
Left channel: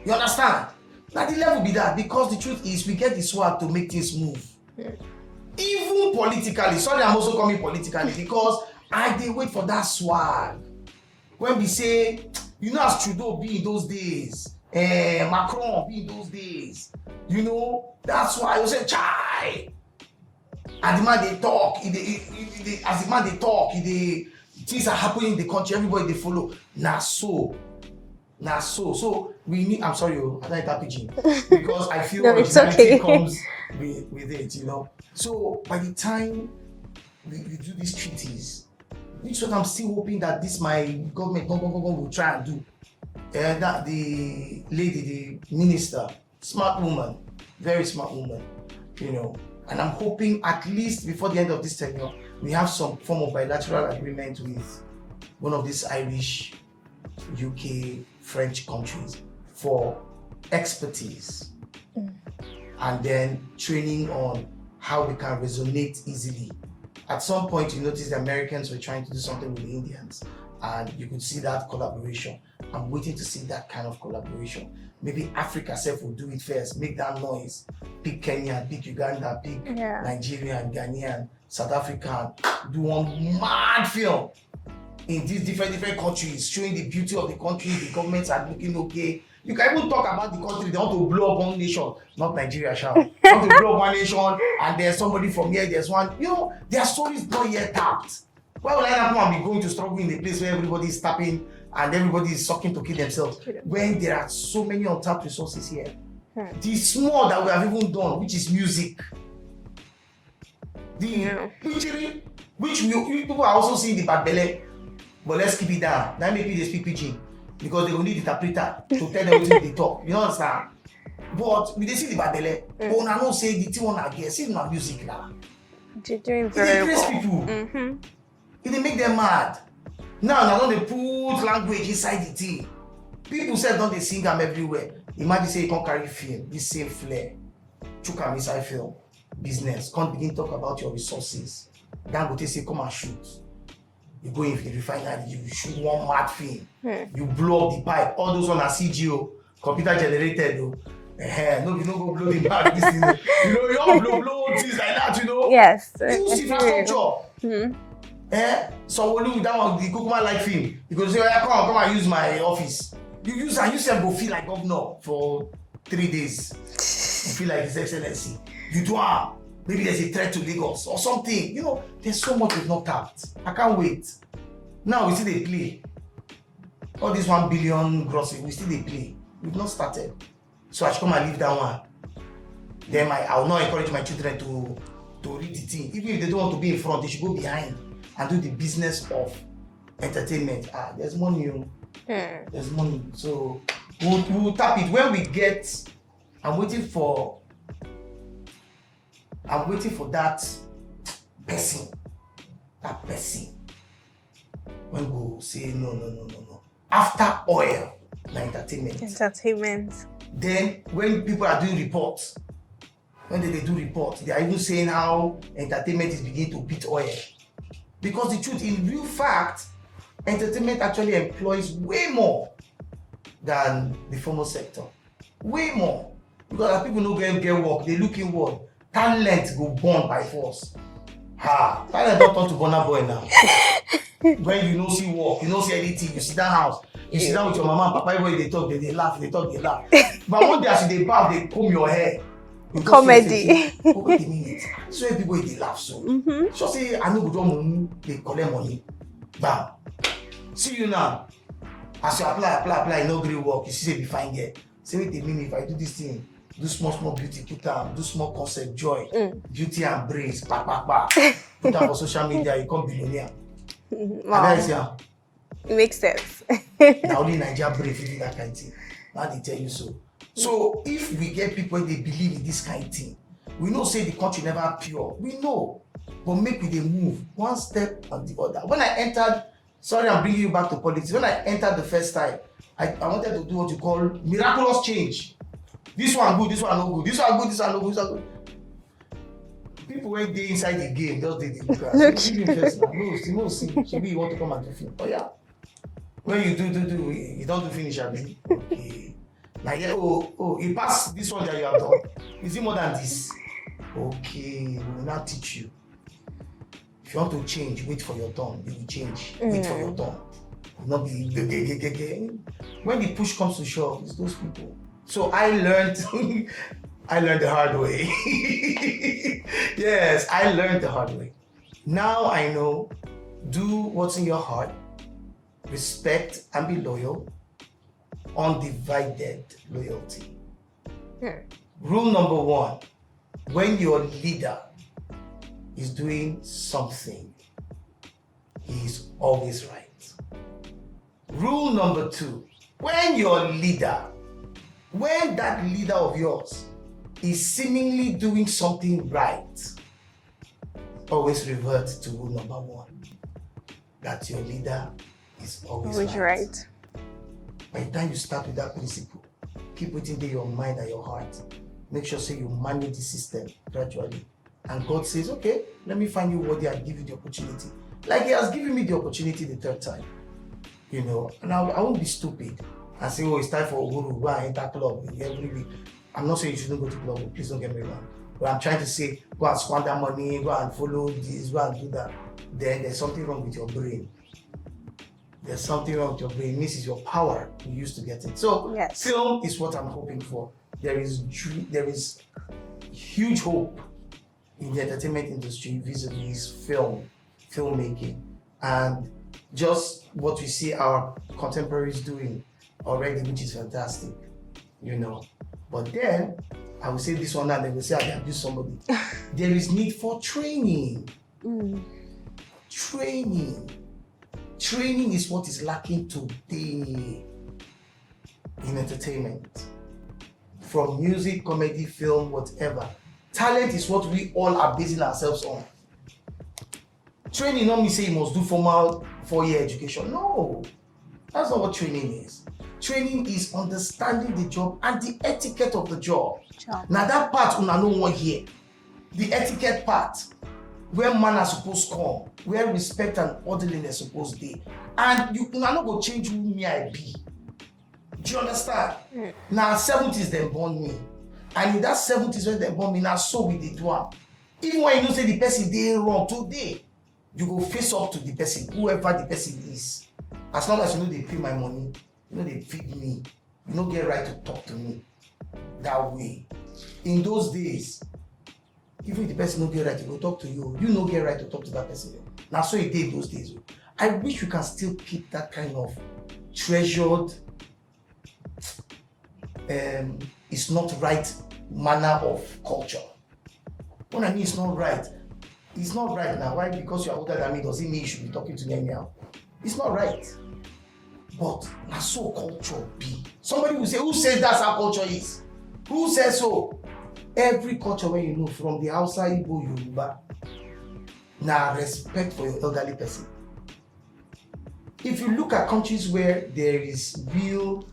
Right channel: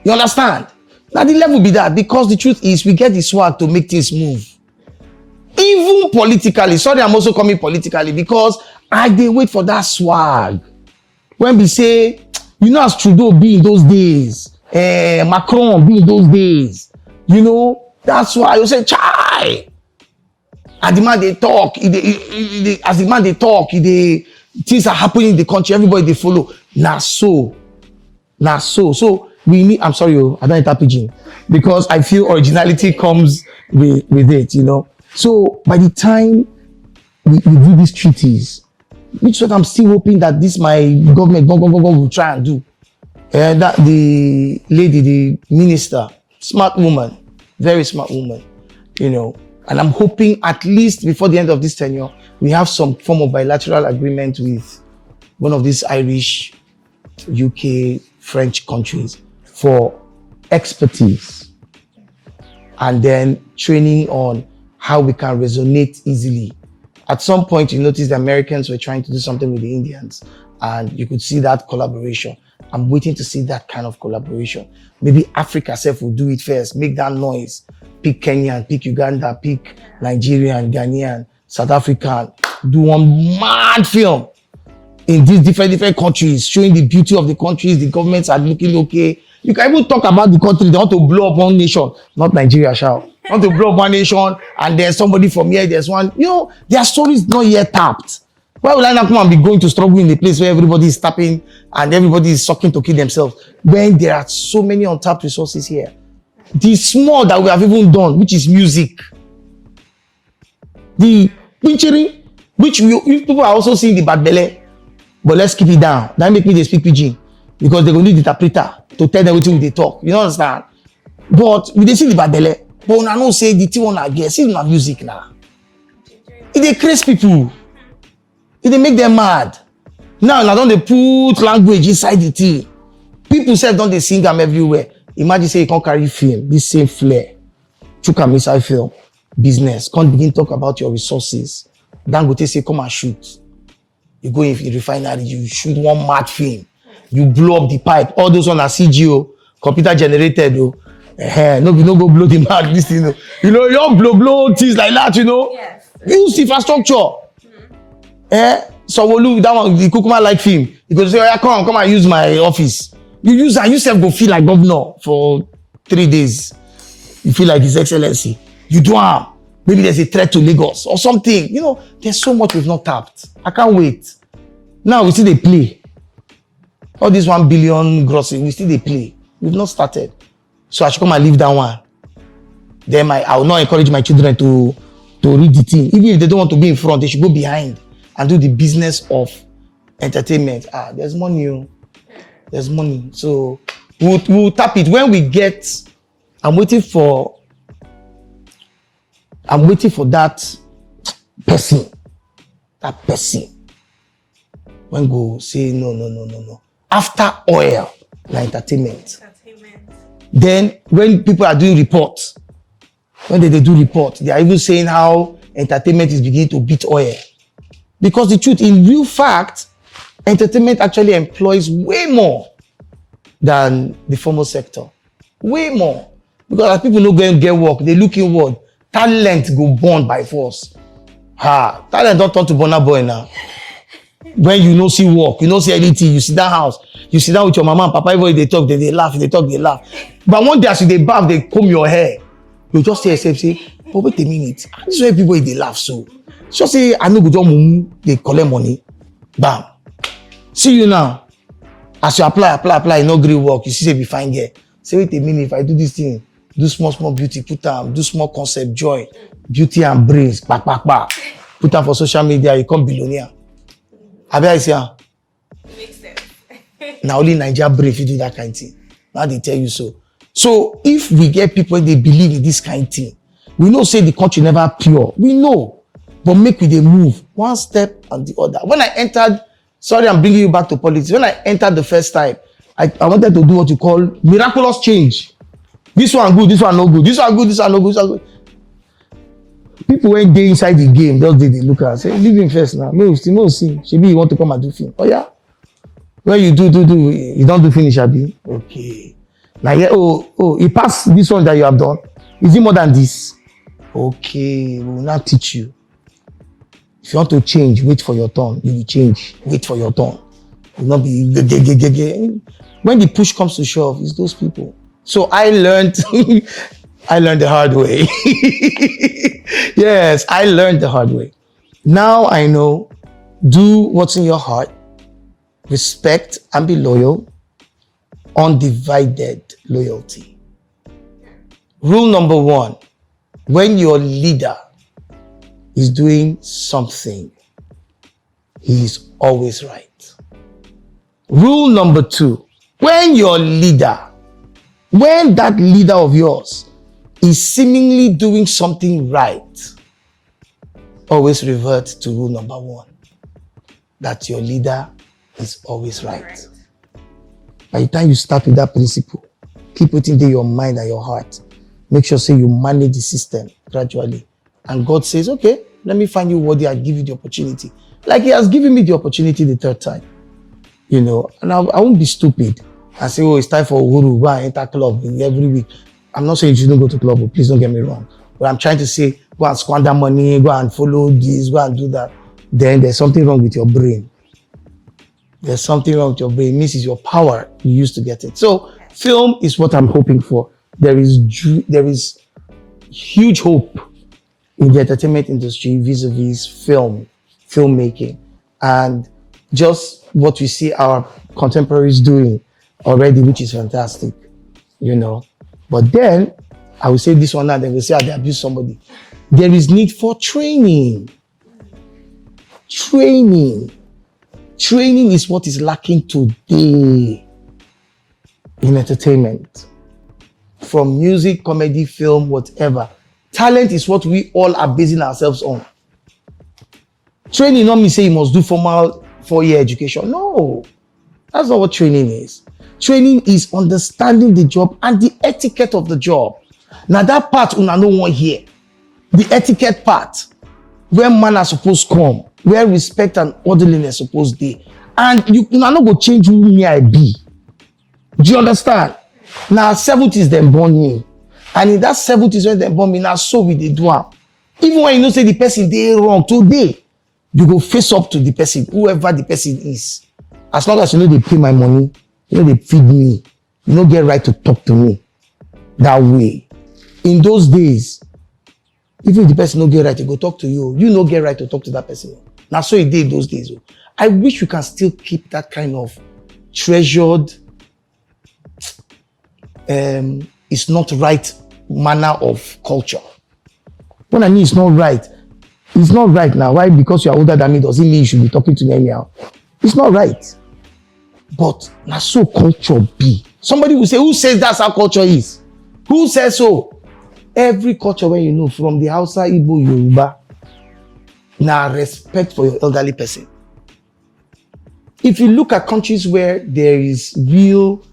You understand? Now the level be that, because the truth is we get the swag to make things move. Even politically, sorry, I'm also coming politically because I dey wait for that swag. When we say, you know, as Trudeau be in those days, Macron be in those days, you know, that's why you say, chai. And the man they talk, as the man they talk, things are happening in the country, everybody they follow. Nah so. So we need, I'm sorry, I don't enter pidgin because I feel originality comes with it, you know. So by the time we do these treaties, which what I'm still hoping that this my government will try and do. That the lady, the minister, smart woman, very smart woman, you know. And I'm hoping at least before the end of this tenure, we have some form of bilateral agreement with one of these Irish, UK, French countries for expertise and then training on how we can resonate easily. At some point, you notice the Americans were trying to do something with the Indians, and you could see that collaboration. I'm waiting to see that kind of collaboration. Maybe Africa itself will do it first, make that noise. Pick Kenyan, pick Uganda, pick Nigerian, Ghanaian, South African, do one mad film in these different countries, showing the beauty of the countries, the governments are looking okay. You can even talk about the country, they want to blow up one nation, not Nigeria, shall. They want to blow up one nation, and there's somebody from here, there's one, you know, their story is not yet tapped. Why would I not come and be going to struggle in a place where everybody is tapping and everybody is sucking to kill themselves, when there are so many untapped resources here? The small that we have even done, which is music. The picturing, which people are also seeing the bad belly, but let's keep it down. That make me they speak pidgin. Because they go need the interpreter to tell them what they talk. You understand? But we dey see the bad belle. But una know say the thing una get, see una music now. It dey craze people. It dey make them mad. Now don't they put language inside the thing. People say don't they sing them everywhere. Imagine say you can't carry film, this same flair. Chook am inside film, business. Can't begin talk about your resources. Dangote say come and shoot. You go in the refinery, you shoot one mad film. You blow up the pipe. All those on are CGO, computer generated. No go blow the mad. This thing, you know, you don't blow things like that. You know. Yes. Use infrastructure. So we'll look that one. The Kukuma like film. You go say, oh, yeah, come and use my office. You use and you self go feel like governor for 3 days. You feel like His Excellency. You do have. Maybe there's a threat to Lagos or something. You know, there's so much we've not tapped. I can't wait. Now we see they play. All this 1 billion grossing, we still they play. We've not started. So I should come and leave that one. Then I will not encourage my children to read the thing. Even if they don't want to be in front, they should go behind and do the business of entertainment. There's money. There's money. So we'll tap it. When we get, I'm waiting for that person. That person. When go say no. After oil, like entertainment. Then when people are doing reports, when they do reports, they are even saying how entertainment is beginning to beat oil. Because the truth, in real fact, entertainment actually employs way more than the formal sector. Way more. Because as people no go and get work, they look inward. Talent go born by force. Talent don't talk to Burna Boy now. When you no see work, you no see anything, you sit down house, you sit down with your mama and papa, everybody they talk, they laugh, they talk, they laugh. But one day as you they bath, they comb your hair. You just say, oh, wait a minute. This is why people they laugh so. Just say, I know go do mumu, they collect money. Bam. See you now. As you apply, no great work, you see say be fine here. Say, wait a minute, if I do this thing, do small beauty, put them, do small concept, joy, beauty and brains, back. Put them for social media, you become billionaire. Wow. Makes sense. Now only Nigeria brave you do that kind of thing. Now they tell you so. So if we get people they believe in this kind of thing, we know say the country never pure. We know. But make we they move one step and the other. When I entered, sorry, I'm bringing you back to politics. When I entered the first time, I wanted to do what you call miraculous change. This one good, this one no good. This one good, this one no good, this one good. People when they inside the game, those they look at say, leave him first now. No, see. Maybe you want to come and do film. Oh yeah. When you do, you don't do finish, Abi. Okay. Like, yeah, you pass this one that you have done. Is it more than this? Okay, we will now teach you. If you want to change, wait for your turn. You will change. Wait for your turn. You will not be. When the push comes to shove, it's those people. So I learned. I learned the hard way. Yes, I learned the hard way. Now I know. Do what's in your heart. Respect and be loyal. Undivided loyalty. Rule number 1. When your leader is doing something, he is always right. Rule number 2. When that leader of yours is seemingly doing something right, always revert to rule number 1. That your leader is always right. By the time you start with that principle, keep it in your mind and your heart. Make sure say you manage the system gradually. And God says, okay, let me find you worthy and give you the opportunity. Like he has given me the opportunity the 3rd time. You know, and I won't be stupid and say, it's time for Uhuru, go and enter club every week. I'm not saying you shouldn't go to club, please don't get me wrong. But I'm trying to say, go and squander money, go and follow this, go and do that. Then there's something wrong with your brain. There's something wrong with your brain. It means it's your power you use to get it. So film is what I'm hoping for. There is huge hope in the entertainment industry vis-a-vis filmmaking. And just what we see our contemporaries doing already, which is fantastic, you know. But then, I will say this one now, they will say they abuse somebody. There is need for training. Training is what is lacking today in entertainment. From music, comedy, film, whatever. Talent is what we all are basing ourselves on. Training not mean say you must do formal 4-year education. No, that's not what training is. Training is understanding the job and the etiquette of the job. Now that part una no one here. The etiquette part, where manners supposed come, where respect and orderliness supposed be. And you not go change who me I be. Do you understand? Now 70s them born me. And in that 70s when they born me, now so we dey do am. Even when you know say the person dey wrong today, you go face up to the person, whoever the person is. As long as you know they pay my money, you know they feed me, you know get right to talk to me that way. In those days, even if the person no get right to go talk to you, you no get right to talk to that person. Now so it did those days. I wish you can still keep that kind of treasured, it's not right manner of culture. When I mean it's not right now. Why? Because you are older than me doesn't mean you should be talking to me anyhow. It's not right. But now so culture be. Somebody will say, who says that's how culture is? Who says so? Every culture where you know, from the Hausa, Igbo, Yoruba, now respect for your elderly person. If you look at countries where there is real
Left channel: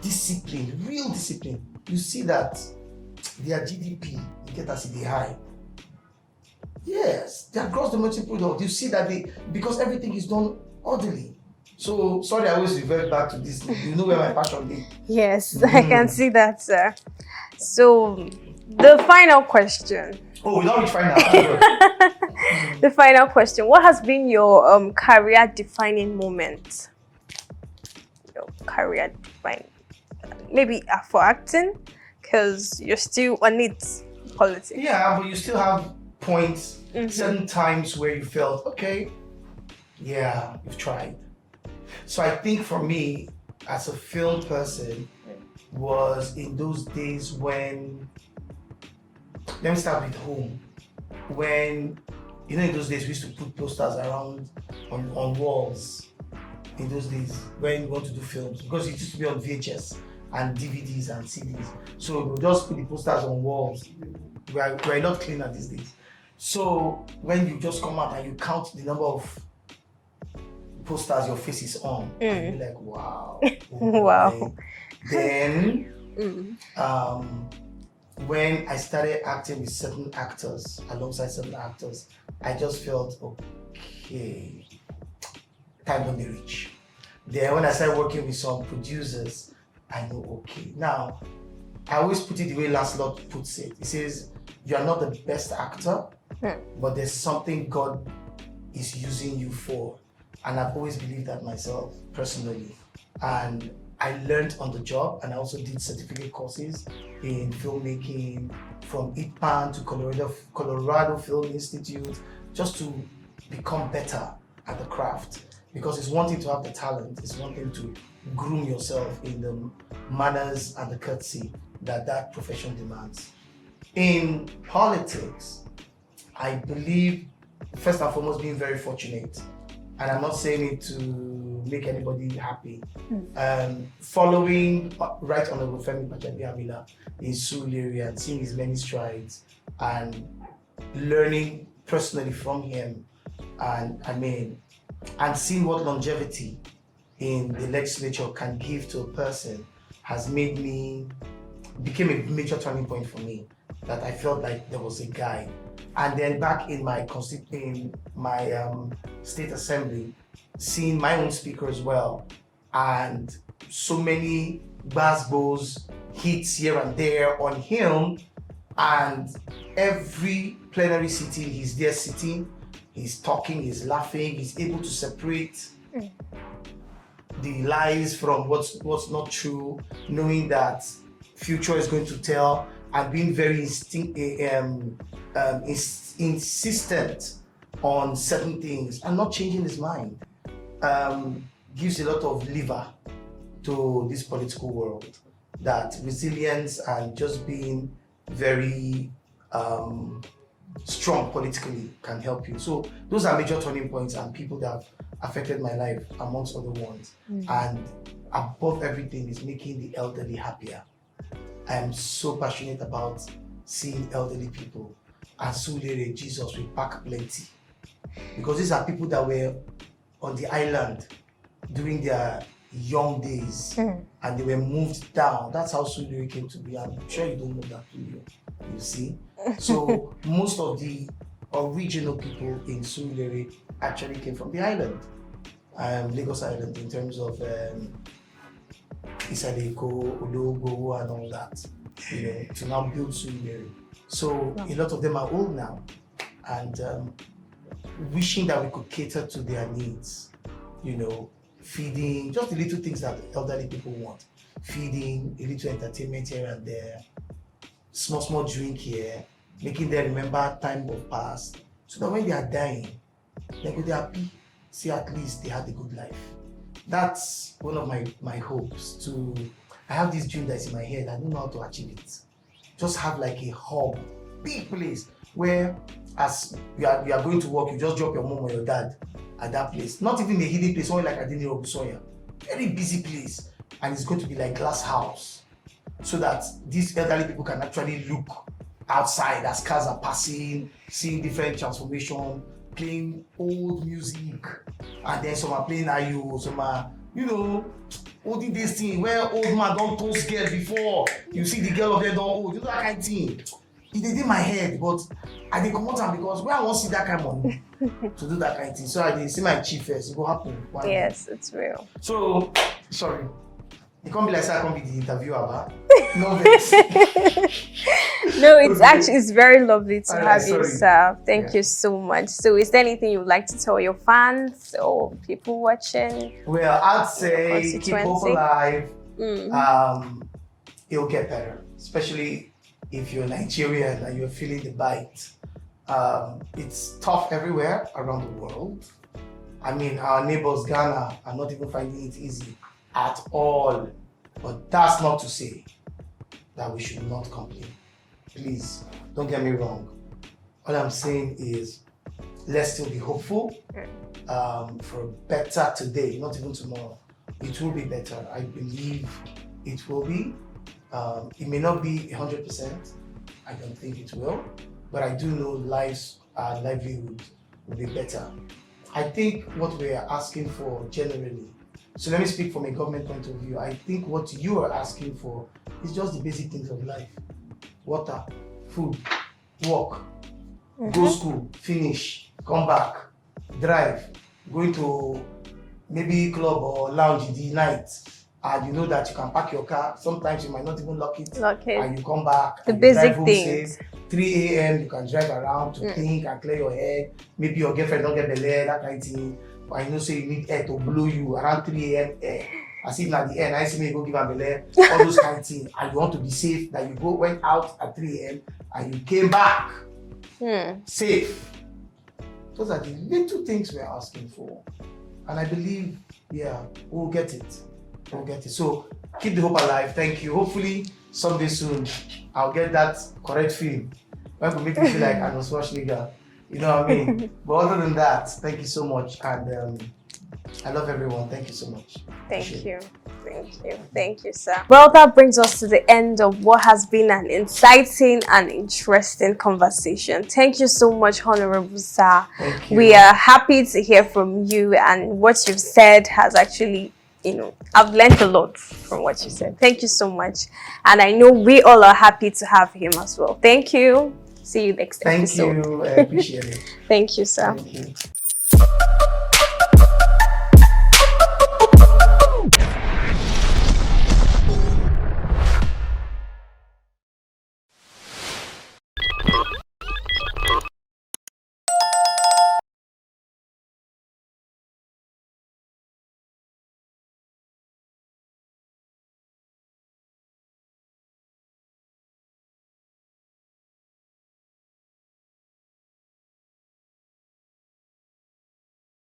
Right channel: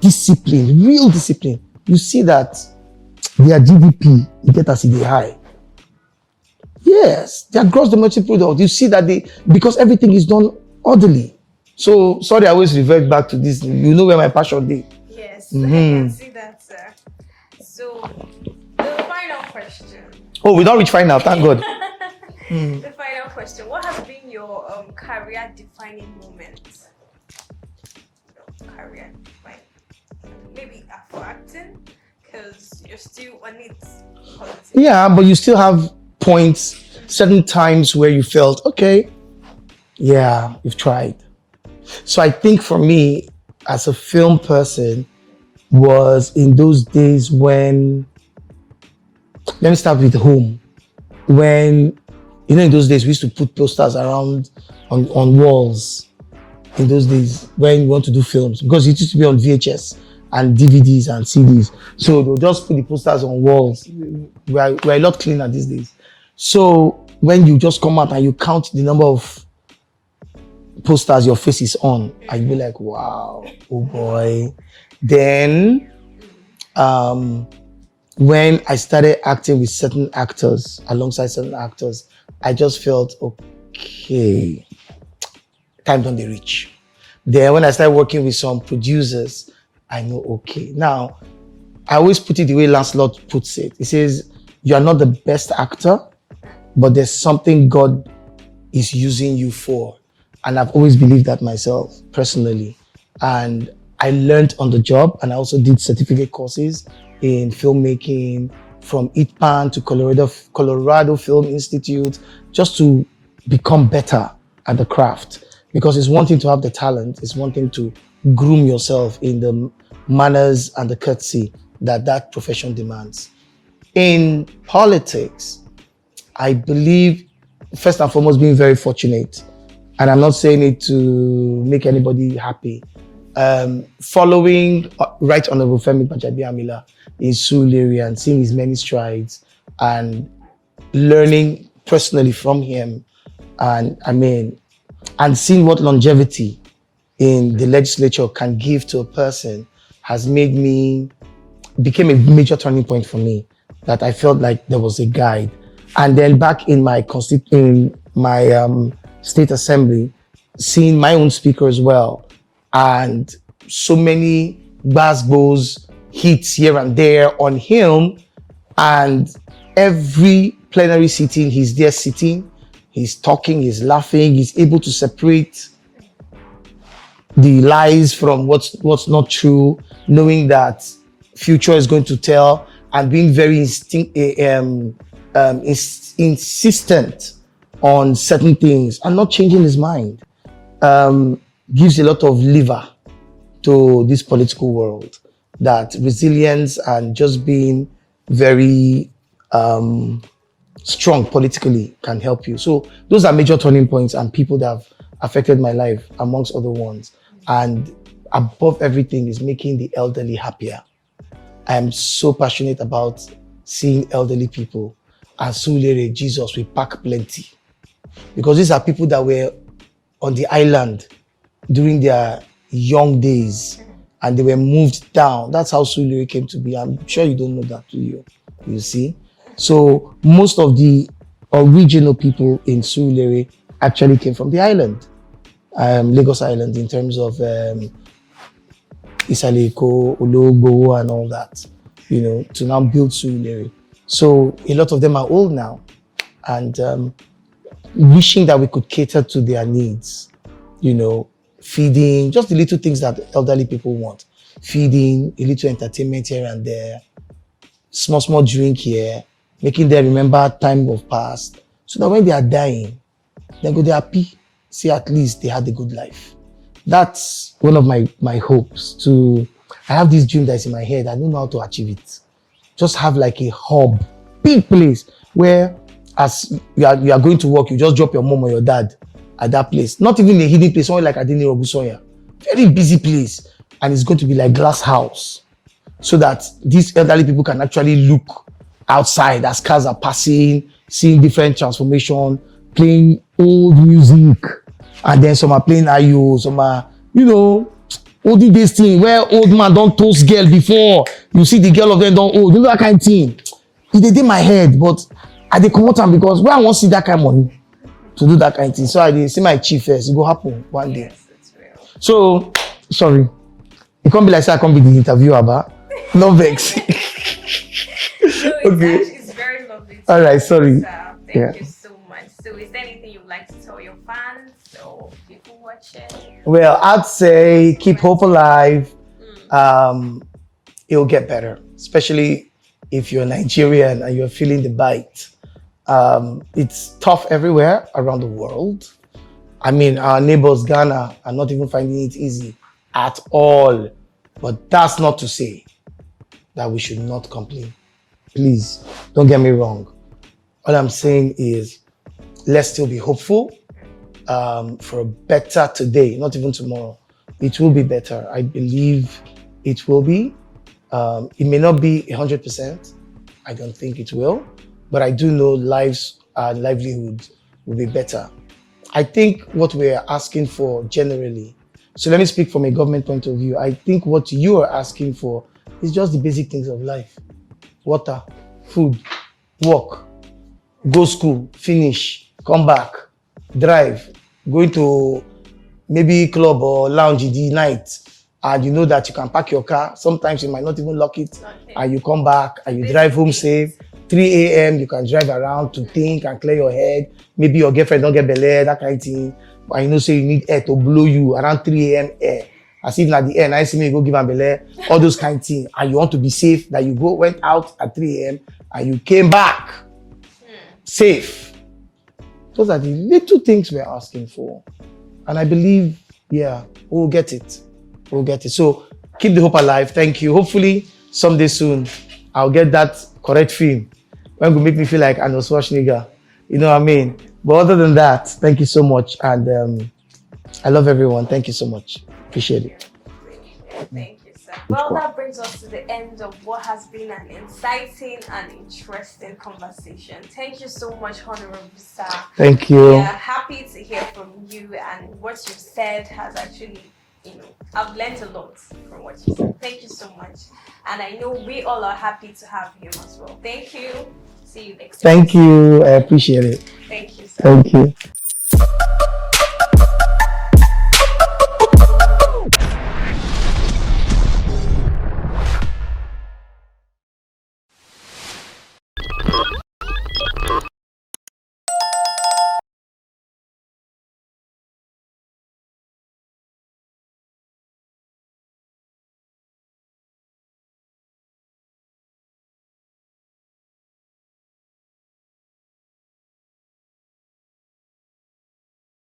discipline, you see that their GDP, you get as they high. Yes, their gross domestic product, you see that because everything is done orderly. So, sorry, I always revert back to this. You know where my passion is. Yes, I can see that, sir. So, the final question. Oh, we don't reach final, thank God. The final question. What has been your career-defining moment? Your career-defining, maybe for acting, because you're still on it, politics. Yeah, but you still have points, certain times where you felt, okay, yeah, you've tried. So I think for me, as a film person, was in those days when, let me start with home. When, you know, in those days, we used to put posters around on walls. In those days, when you want to do films, because it used to be on VHS and DVDs and CDs. So they'll just put the posters on walls. We're a lot cleaner these days. So when you just come out and you count the number of posters your face is on, and you be like, wow, oh boy. Wow. Then, when I started acting with certain actors, alongside certain actors, I just felt, okay, time don't reach. Then when I started working with some producers, I know, okay. Now, I always put it the way Lancelot puts it. He says, you are not the best actor, but there's something God is using you for. And I've always believed that myself, personally. And I learned on the job, and I also did certificate courses in filmmaking from ITPAN to Colorado Film Institute, just to become better at the craft. Because it's one thing to have the talent, it's one thing to groom yourself in the manners and the courtesy that profession demands. In politics, I believe, first and foremost, being very fortunate. And I'm not saying it to make anybody happy. Following Right Honorable Femi Gbajabiamila in Surulere and seeing his many strides and learning personally from him, and seeing what longevity in the legislature can give to a person has became a major turning point for me, that I felt like there was a guide. And then back in my state assembly, seeing my own speaker as well, and so many bass hits here and there on him, and every plenary sitting, he's there sitting, he's talking, he's laughing, he's able to separate the lies from what's not true, knowing that future is going to tell, and being very insistent on certain things and not changing his mind, gives a lot of lever to this political world, that resilience and just being very strong politically can help you. So those are major turning points and people that have affected my life, amongst other ones. And above everything is making the elderly happier. I am so passionate about seeing elderly people. And Surulere, Jesus, we pack plenty. Because these are people that were on the island during their young days, and they were moved down. That's how Surulere came to be. I'm sure you don't know that, do you? You see? So most of the original people in Surulere actually came from the island, Lagos Island, in terms of Isaleko, Ologbo, and all that, to now build Surulere. So a lot of them are old now, and wishing that we could cater to their needs, feeding, just the little things that elderly people want. Feeding, a little entertainment here and there, small drink here, making them remember time of past, so that when they are dying, they go, they're happy, see at least they had a good life. That's one of my hopes. I have this dream that's in my head. I don't know how to achieve it. Just have like a hub, big place where as you are going to work, you just drop your mom or your dad at that place. Not even a hidden place, somewhere like Adini Obusoya. Very busy place. And it's going to be like glass house, so that these elderly people can actually look outside as cars are passing, seeing different transformation, playing old music. And then some are playing Ayo, some are, olden days thing where old man don't toast girl before. You see the girl of them don't old. That kind of thing. It did my head, but I did come out because where I want to see that kind of money to do that kind of thing. So I did see my chief first. It will happen one day. Yes, it's real. So, sorry. It can't be like, I can't be the interviewer, but no vex. No, it's very lovely to have sorry. you, sir. Thank you so much. So is there anything you'd like to tell your fans or people watching? Well, I'd say keep hope alive. It'll get better, especially if you're Nigerian and you're feeling the bite. It's tough everywhere around the world. I mean, our neighbors, Ghana, are not even finding it easy at all. But that's not to say that we should not complain. Please, don't get me wrong. All I'm saying is, let's still be hopeful for a better today, not even tomorrow. It will be better. I believe it will be. It may not be 100%. I don't think it will. But I do know lives and livelihood will be better. I think what we're asking for generally, so let me speak from a government point of view. I think what you are asking for is just the basic things of life. Water, food, work, go school, finish, come back, drive, going to maybe club or lounge in the night, and you know that you can park your car. Sometimes you might not even lock it. Okay. And you come back The and you drive home basic safe. things. 3 a.m. you can drive around to think and clear your head. Maybe your girlfriend don't get belay, that kind of thing. But you know, so you need air to blow you around 3 a.m. air. As if at the end, I see me go give am belay, all those kind of things. And you want to be safe, that you went out at 3 a.m. and you came back safe. Those are the little things we're asking for. And I believe, yeah, we'll get it. We'll get it. So keep the hope alive. Thank you. Hopefully someday soon, I'll get that correct film. When will make me feel like Arnold Schwarzenegger. You know what I mean? But other than that, thank you so much. And I love everyone. Thank you so much. Appreciate it. Thank you, sir. Well, that brings us to the end of what has been an exciting and interesting conversation. Thank you so much, Honorable Sir. Thank you. We are happy to hear from you, and what you've said has actually, I've learned a lot from what you said. Thank you so much. And I know we all are happy to have him as well. Thank you. See you next time. Thank you. I appreciate it. Thank you, sir. Thank you.